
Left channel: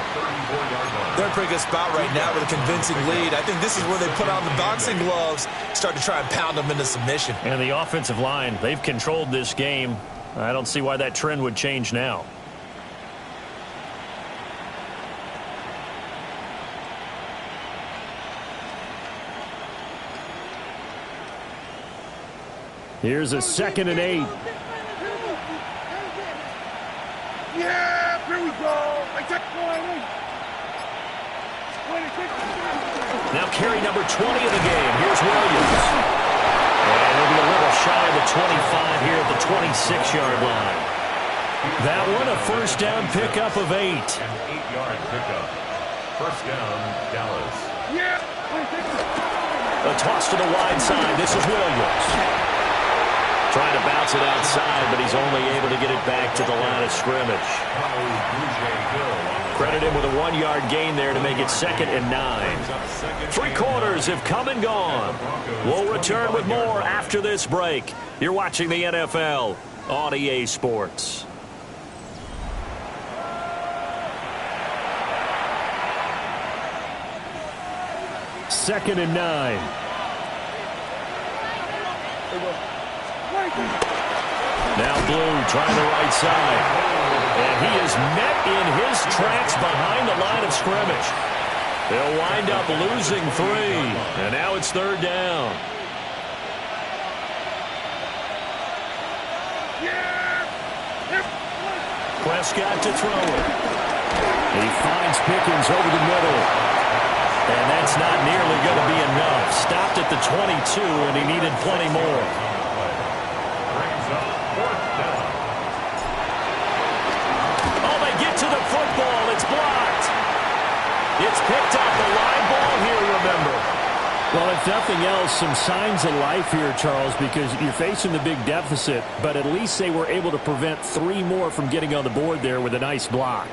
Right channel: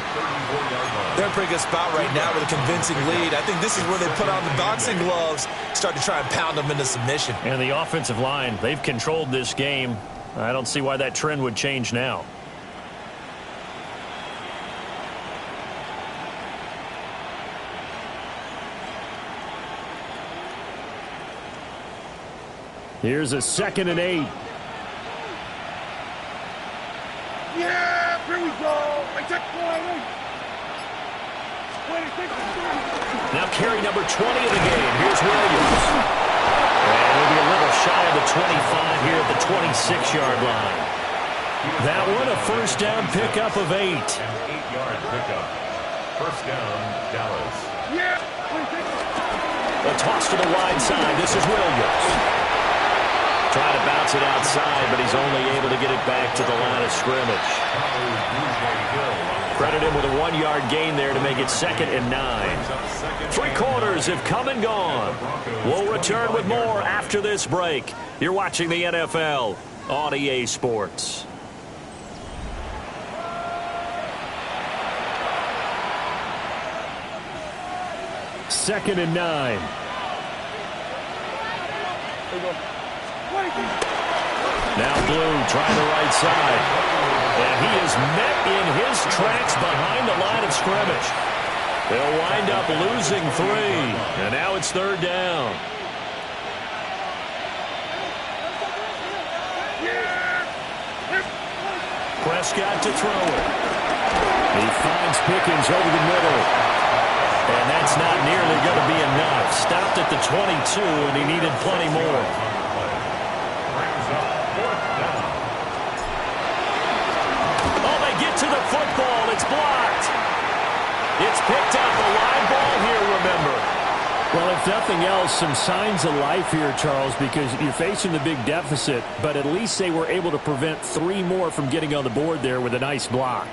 They're in a pretty good spot right now with a convincing lead. I think this is where they put on the boxing gloves, start to try and pound them into submission. And the offensive line, they've controlled this game. I don't see why that trend would change now. Here's a 2nd and 8. Yeah, here we go. Now carry number 20 of the game. Here's Williams. And he'll be a little shy of the 25 here at the 26-yard line. That one, a first down pickup of 8. An 8-yard pickup. First down, Dallas. A toss to the wide side. This is Williams. Trying to bounce it outside, but he's only able to get it back to the line of scrimmage. Credit him with a 1-yard gain there to make it 2nd and 9. 3 quarters have come and gone. We'll return with more after this break. You're watching the NFL on EA Sports. Second and 9. Now Blue trying the right side. And he is met in his tracks behind the line of scrimmage. They'll wind up losing 3. And now it's 3rd down. Prescott to throw it. He finds Pickens over the middle. And that's not nearly going to be enough. Stopped at the 22, and he needed plenty more. Brings up 4th down. Oh, they get to the football. It's blocked. It's picked up. A line ball here, remember. Well, if nothing else, some signs of life here, Charles, because you're facing the big deficit, but at least they were able to prevent 3 more from getting on the board there with a nice block.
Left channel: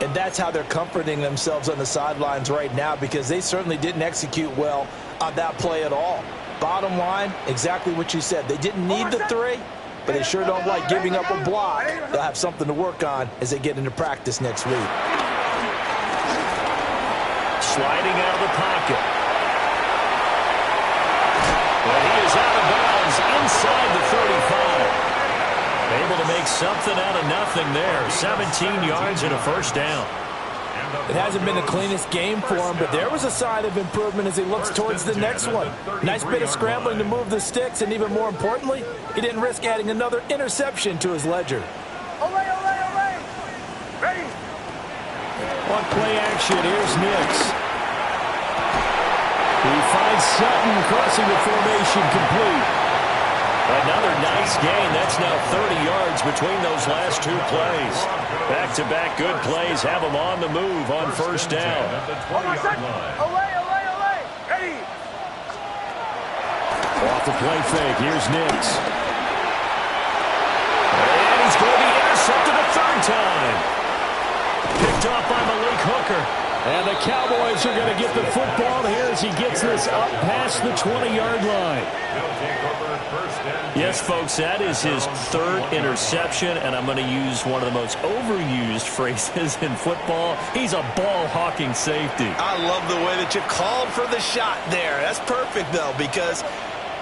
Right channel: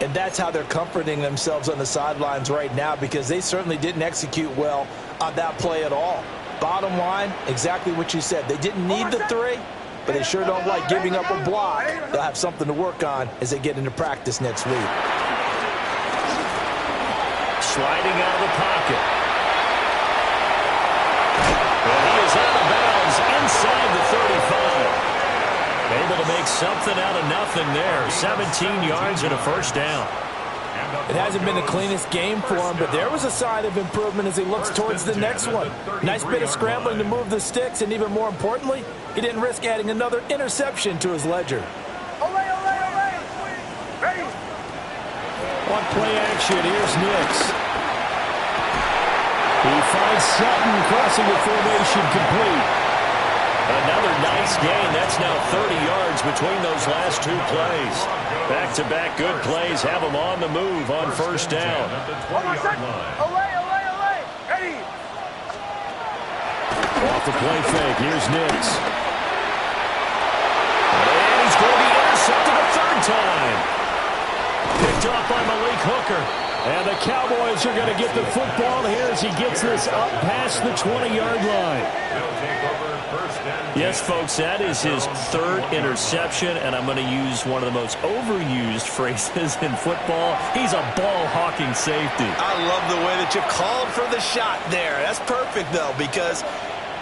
And that's how they're comforting themselves on the sidelines right now, because they certainly didn't execute well on that play at all. Bottom line, exactly what you said. They didn't need the 3, but they sure don't like giving up a block. They'll have something to work on as they get into practice next week. Sliding out of the pocket. And he is out of bounds inside the 35. Able to make something out of nothing there. 17 yards and a first down. It hasn't been the cleanest game for him, but there was a sign of improvement as he looks towards the next one. Nice bit of scrambling to move the sticks, and even more importantly, he didn't risk adding another interception to his ledger. Ready. On play action, here's Nix. He finds Sutton crossing the formation complete. Another nice gain. That's now 30 yards between those last 2 plays. Back-to-back good plays have them on the move on first down. Ready. Off the play fake, here's Nix. And he's going to be intercepted a 3rd time. Picked off by Malik Hooker. And the Cowboys are going to get the football here as he gets this up past the 20-yard line. Yes, folks, that is his 3rd interception, and I'm going to use one of the most overused phrases in football. He's a ball-hawking safety. I love the way that you called for the shot there. That's perfect, though, because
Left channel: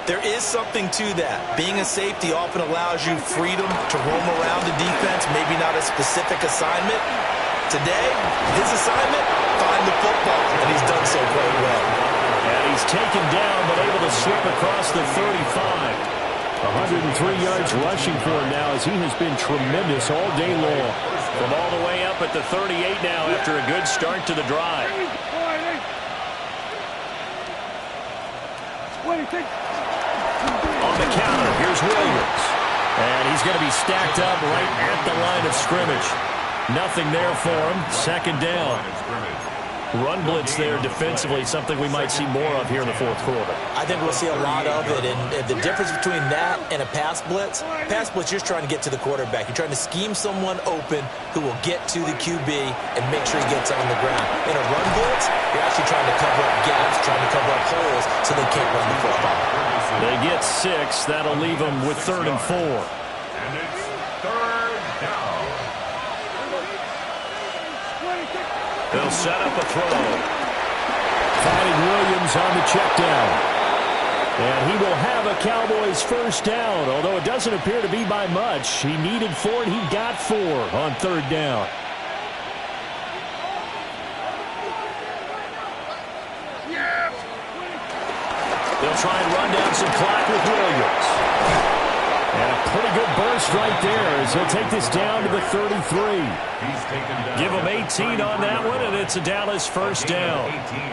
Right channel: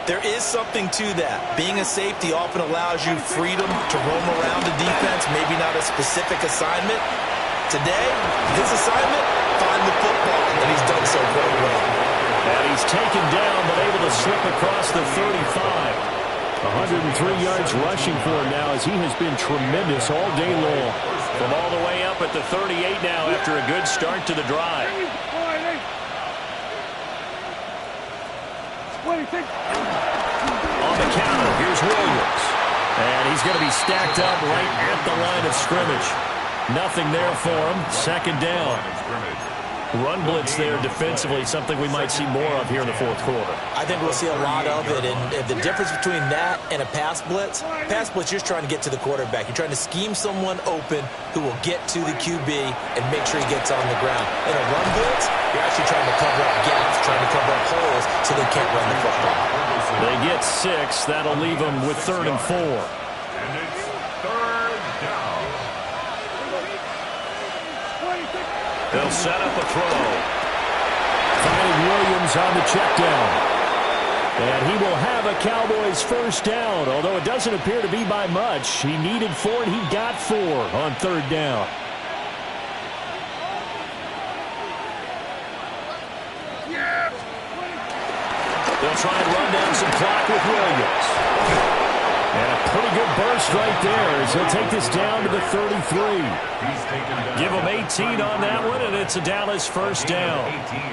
there is something to that. Being a safety often allows you freedom to roam around the defense, maybe not a specific assignment. Today, his assignment, find the football, and he's done so quite well. And he's taken down, but able to slip across the 35. 103 yards rushing for him now as he has been tremendous all day long. From all the way up at the 38 now after a good start to the drive. On the counter, here's Williams. And he's going to be stacked up right at the line of scrimmage. Nothing there for him. 2nd down. Run blitz there defensively, something we might see more of here in the fourth quarter. I think we'll see a lot of it, and the difference between that and a pass blitz, you're just trying to get to the quarterback. You're trying to scheme someone open who will get to the QB and make sure he gets on the ground. In a run blitz, you're actually trying to cover up gaps, trying to cover up holes so they can't run the football. They get 6. That'll leave them with 3rd and 4. And it's 3rd down. They'll set up a throw. Finding Williams on the check down. And he will have a Cowboys first down, although it doesn't appear to be by much. He needed 4, and he got 4 on 3rd down. They'll try and run down some clock with Williams. And a pretty good burst right there as he'll take this down to the 33. Give him 18 on that one, and it's a Dallas first down.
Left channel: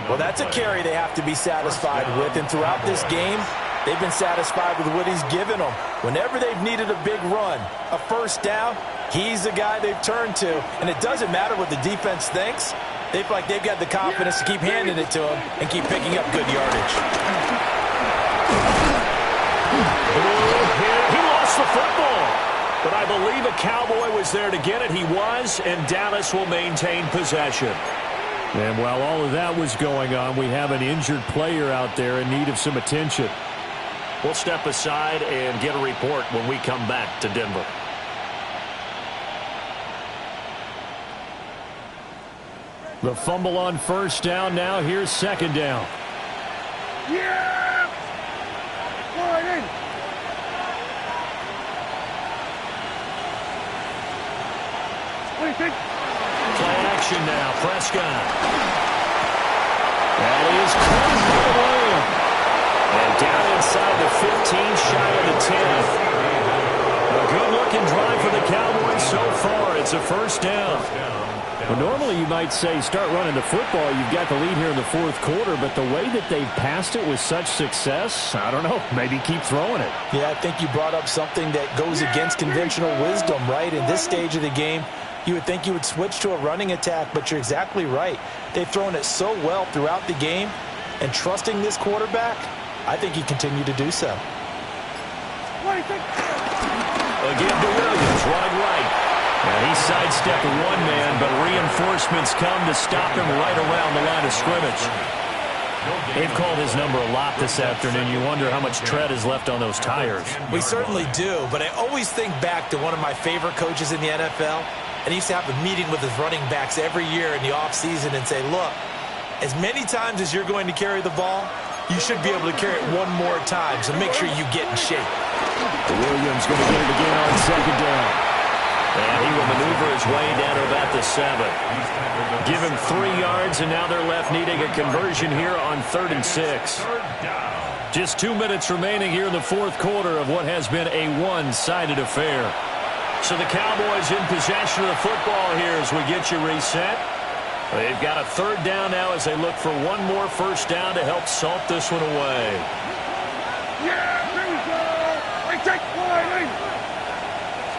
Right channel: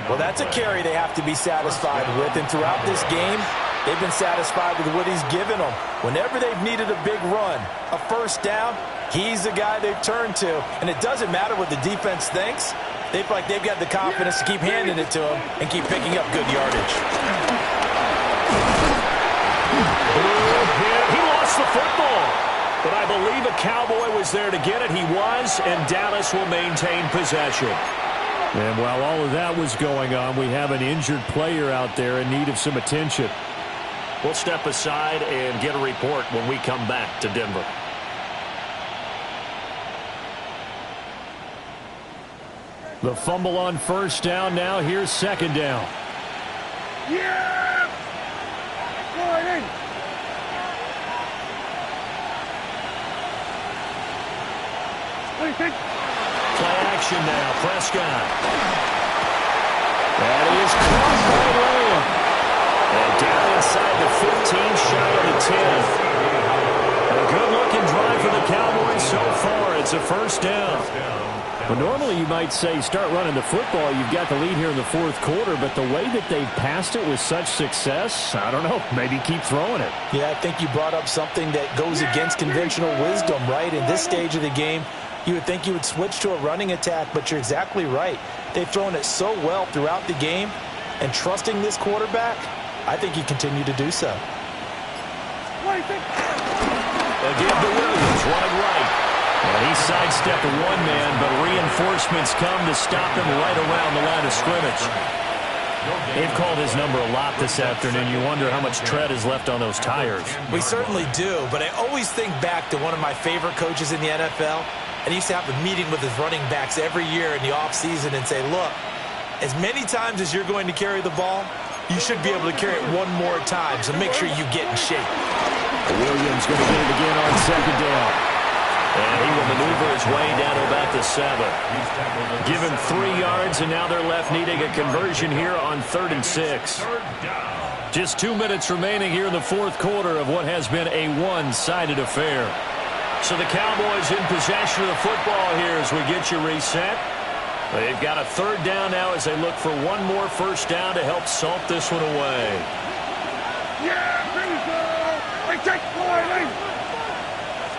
Well, that's a carry they have to be satisfied with, and throughout this game, they've been satisfied with what he's given them. Whenever they've needed a big run, a first down, he's the guy they've turned to. And it doesn't matter what the defense thinks. They feel like they've got the confidence to keep handing it to him and keep picking up good yardage. He lost the football, but I believe a Cowboy was there to get it. He was, and Dallas will maintain possession. And while all of that was going on, we have an injured player out there in need of some attention. We'll step aside and get a report when we come back to Denver. The fumble on first down now. Here's 2nd down. Yeah! Go right in. What do you think? Play action now. Prescott. That is caught by Lamb. And down inside the 15, shy of the 10. A good-looking drive for the Cowboys so far. It's a first down. Well, normally you might say start running the football. You've got the lead here in the fourth quarter, but the way that they've passed it with such success, I don't know, maybe keep throwing it. Yeah, I think you brought up something that goes against conventional wisdom, right? In this stage of the game, you would think you would switch to a running attack, but you're exactly right. They've thrown it so well throughout the game, and trusting this quarterback, I think you continue to do so. What do you think? Again to Williams, running right. And he sidestepped one man, but reinforcements come to stop him right around the line of scrimmage. They've called his number a lot this afternoon. You wonder how much tread is left on those tires. We certainly do, but I always think back to one of my favorite coaches in the NFL, and he used to have a meeting with his running backs every year in the offseason and say, look, as many times as you're going to carry the ball, you should be able to carry it one more time, so make sure you get in shape. Williams going to get it again on 2nd down. And he will maneuver his way down to about the 7. Give him 3 yards, and now they're left needing a conversion here on 3rd and 6. Just 2 minutes remaining here in the fourth quarter of what has been a one-sided affair. So the Cowboys in possession of the football here as we get you reset. They've got a 3rd down now as they look for one more first down to help salt this one away. Yeah, there we go. I take one in.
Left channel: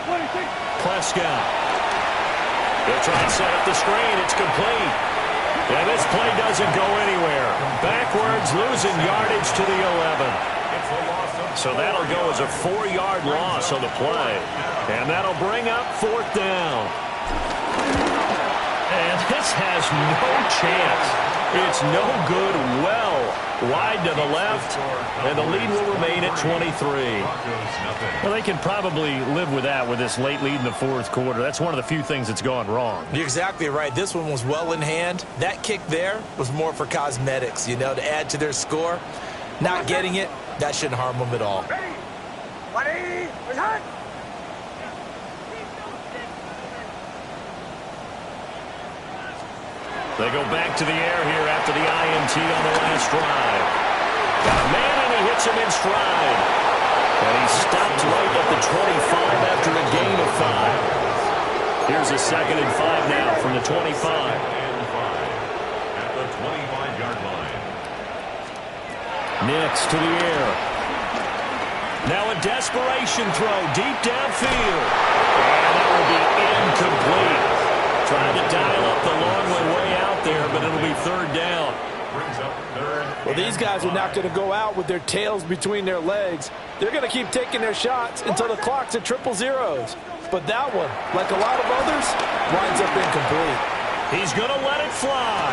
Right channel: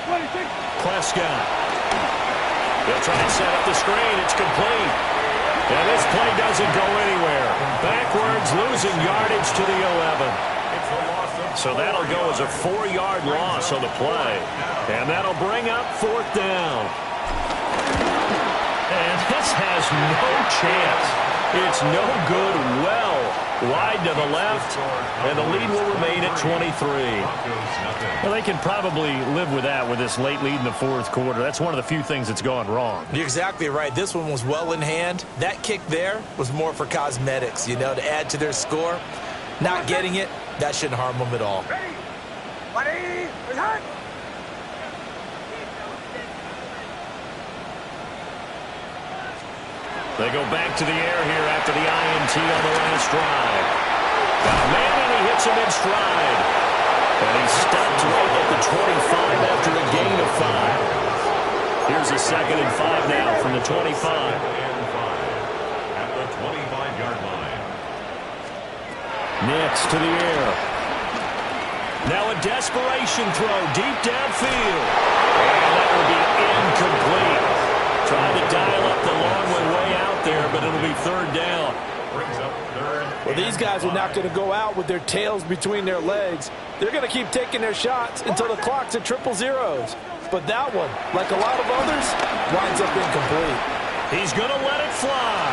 What do you think? Prescott. They'll try and set up the screen. It's complete. And this play doesn't go anywhere. Backwards, losing yardage to the 11. So that'll go as a 4-yard loss on the play. And that'll bring up 4th down. And this has no chance. It's no good, well wide to the left, and the lead will remain at 23. Well, they can probably live with that with this late lead in the fourth quarter. That's one of the few things that's gone wrong. You're exactly right. This one was well in hand. That kick there was more for cosmetics, you know, to add to their score. Not getting it, that shouldn't harm them at all. Ready? Ready? Ready? They go back to the air here after the INT on the last drive. Got a man, and he hits him in stride. And he stopped right at the 25 after a gain of 5. Here's a 2nd and 5 now from the 25. At the 25-yard line. Nix to the air. Now a desperation throw deep downfield. And that will be incomplete. Tried to dial up the long way out there, there, but it'll be third down. Brings up third. Well, these guys are not going to go out with their tails between their legs. They're going to keep taking their shots until the clock's at triple zeros. But that one, like a lot of others, winds up incomplete. He's going to let it fly.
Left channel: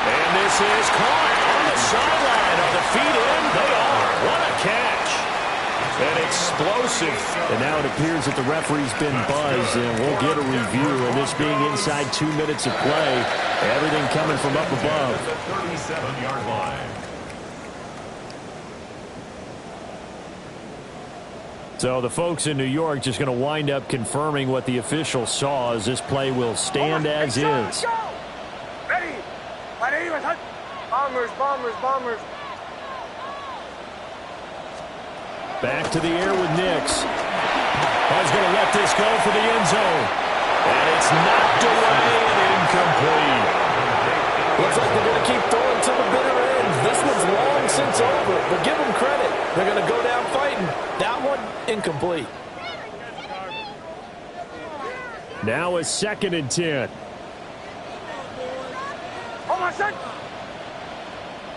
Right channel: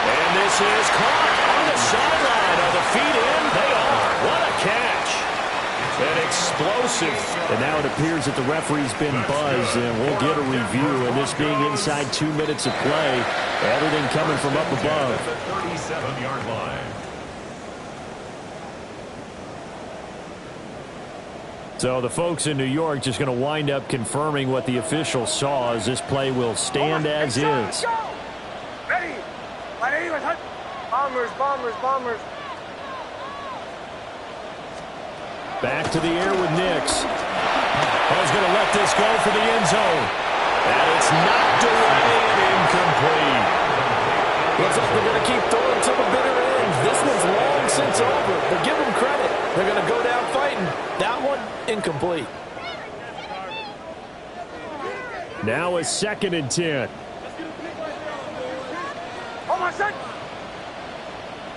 And this is caught on the sideline. Are the feet in? They are. What a catch. And explosive. And now it appears that the referee's been buzzed, and we'll get a review. And this being inside 2 minutes of play, everything coming from up above. At the 37-yard line. So the folks in New York just going to wind up confirming what the official saw, as this play will stand as is. Ready. Bombers, bombers, bombers. Back to the air with Nix. He's going to let this go for the end zone. And it's knocked away and incomplete. Looks like they're going to keep throwing to the bitter end. This one's long since over, but give them credit. They're going to go down fighting. That one, incomplete. Now a 2nd and 10. Hold on, son.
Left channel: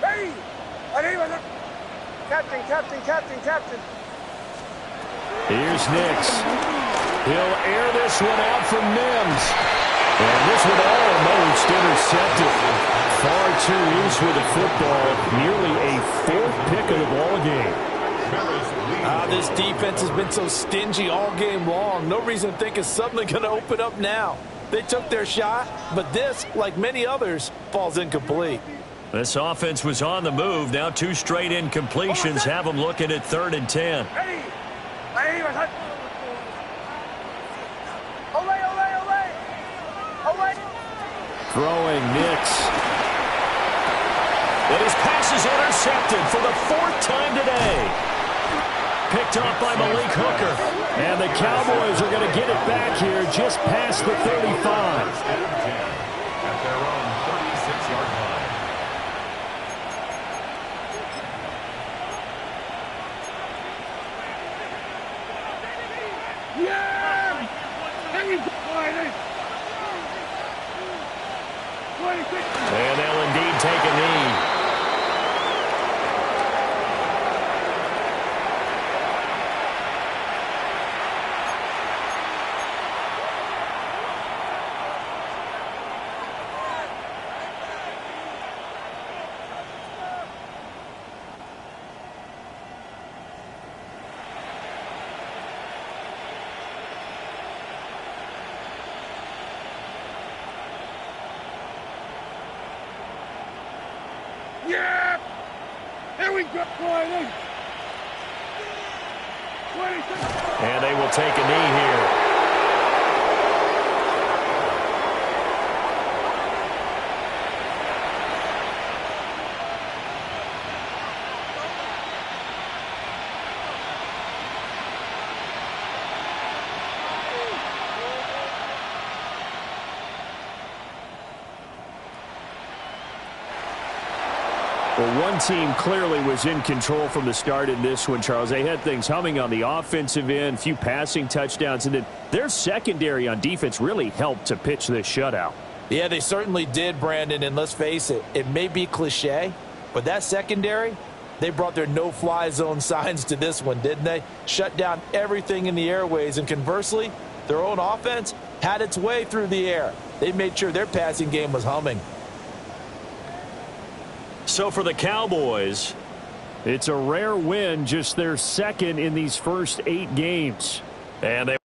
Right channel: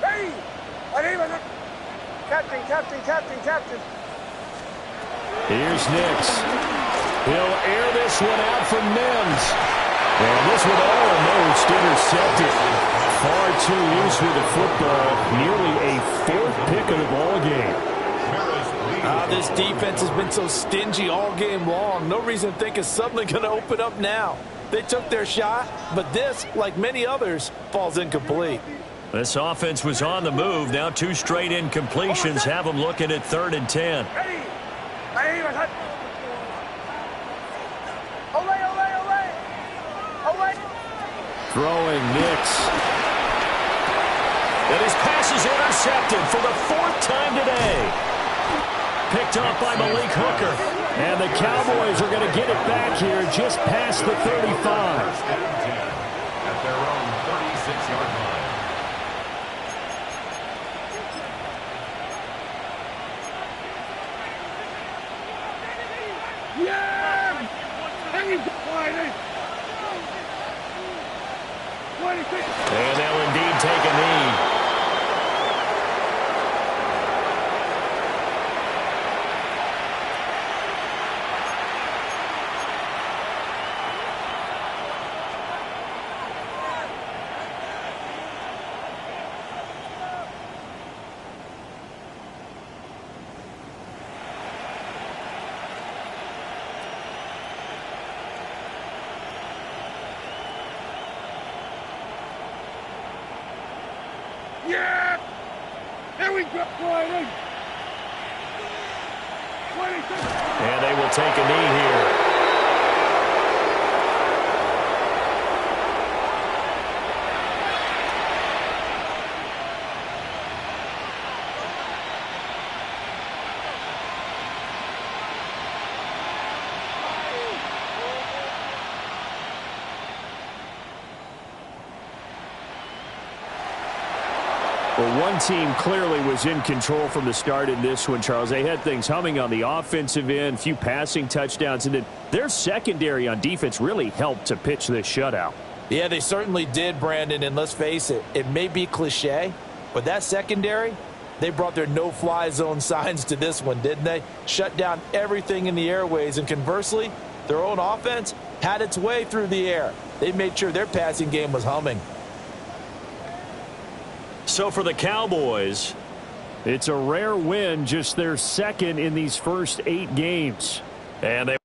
Ready. Captain, captain, captain, captain. Here's Nix. He'll air this one out from Mims. And this one almost intercepted. Far too loose with the football. Nearly a 4th pick of the ball game. This defense has been so stingy all game long. No reason to think it's suddenly going to open up now. They took their shot, but this, like many others, falls incomplete. This offense was on the move. Now 2 straight incompletions have them looking at 3rd and 10. Ready. Ole, ole, ole. Ole. Throwing Nix. And his pass is intercepted for the 4th time today. Picked off by Malik Hooker. And the Cowboys are going to get it back here just past the 35. At their own 36-yard line. Yeah! And they'll indeed take a knee. Yeah! Here we go, Friday. And they will take a knee here. Well, one team clearly was in control from the start in this one, Charles. They had things humming on the offensive end, a few passing touchdowns, and then their secondary on defense really helped to pitch this shutout. Yeah, they certainly did, Brandon, and let's face it, it may be cliche, but that secondary, they brought their no-fly zone signs to this one, didn't they? Shut down everything in the airways, and conversely, their own offense had its way through the air. They made sure their passing game was humming. So for the Cowboys, it's a rare win, just their 2nd in these first 8 games. And they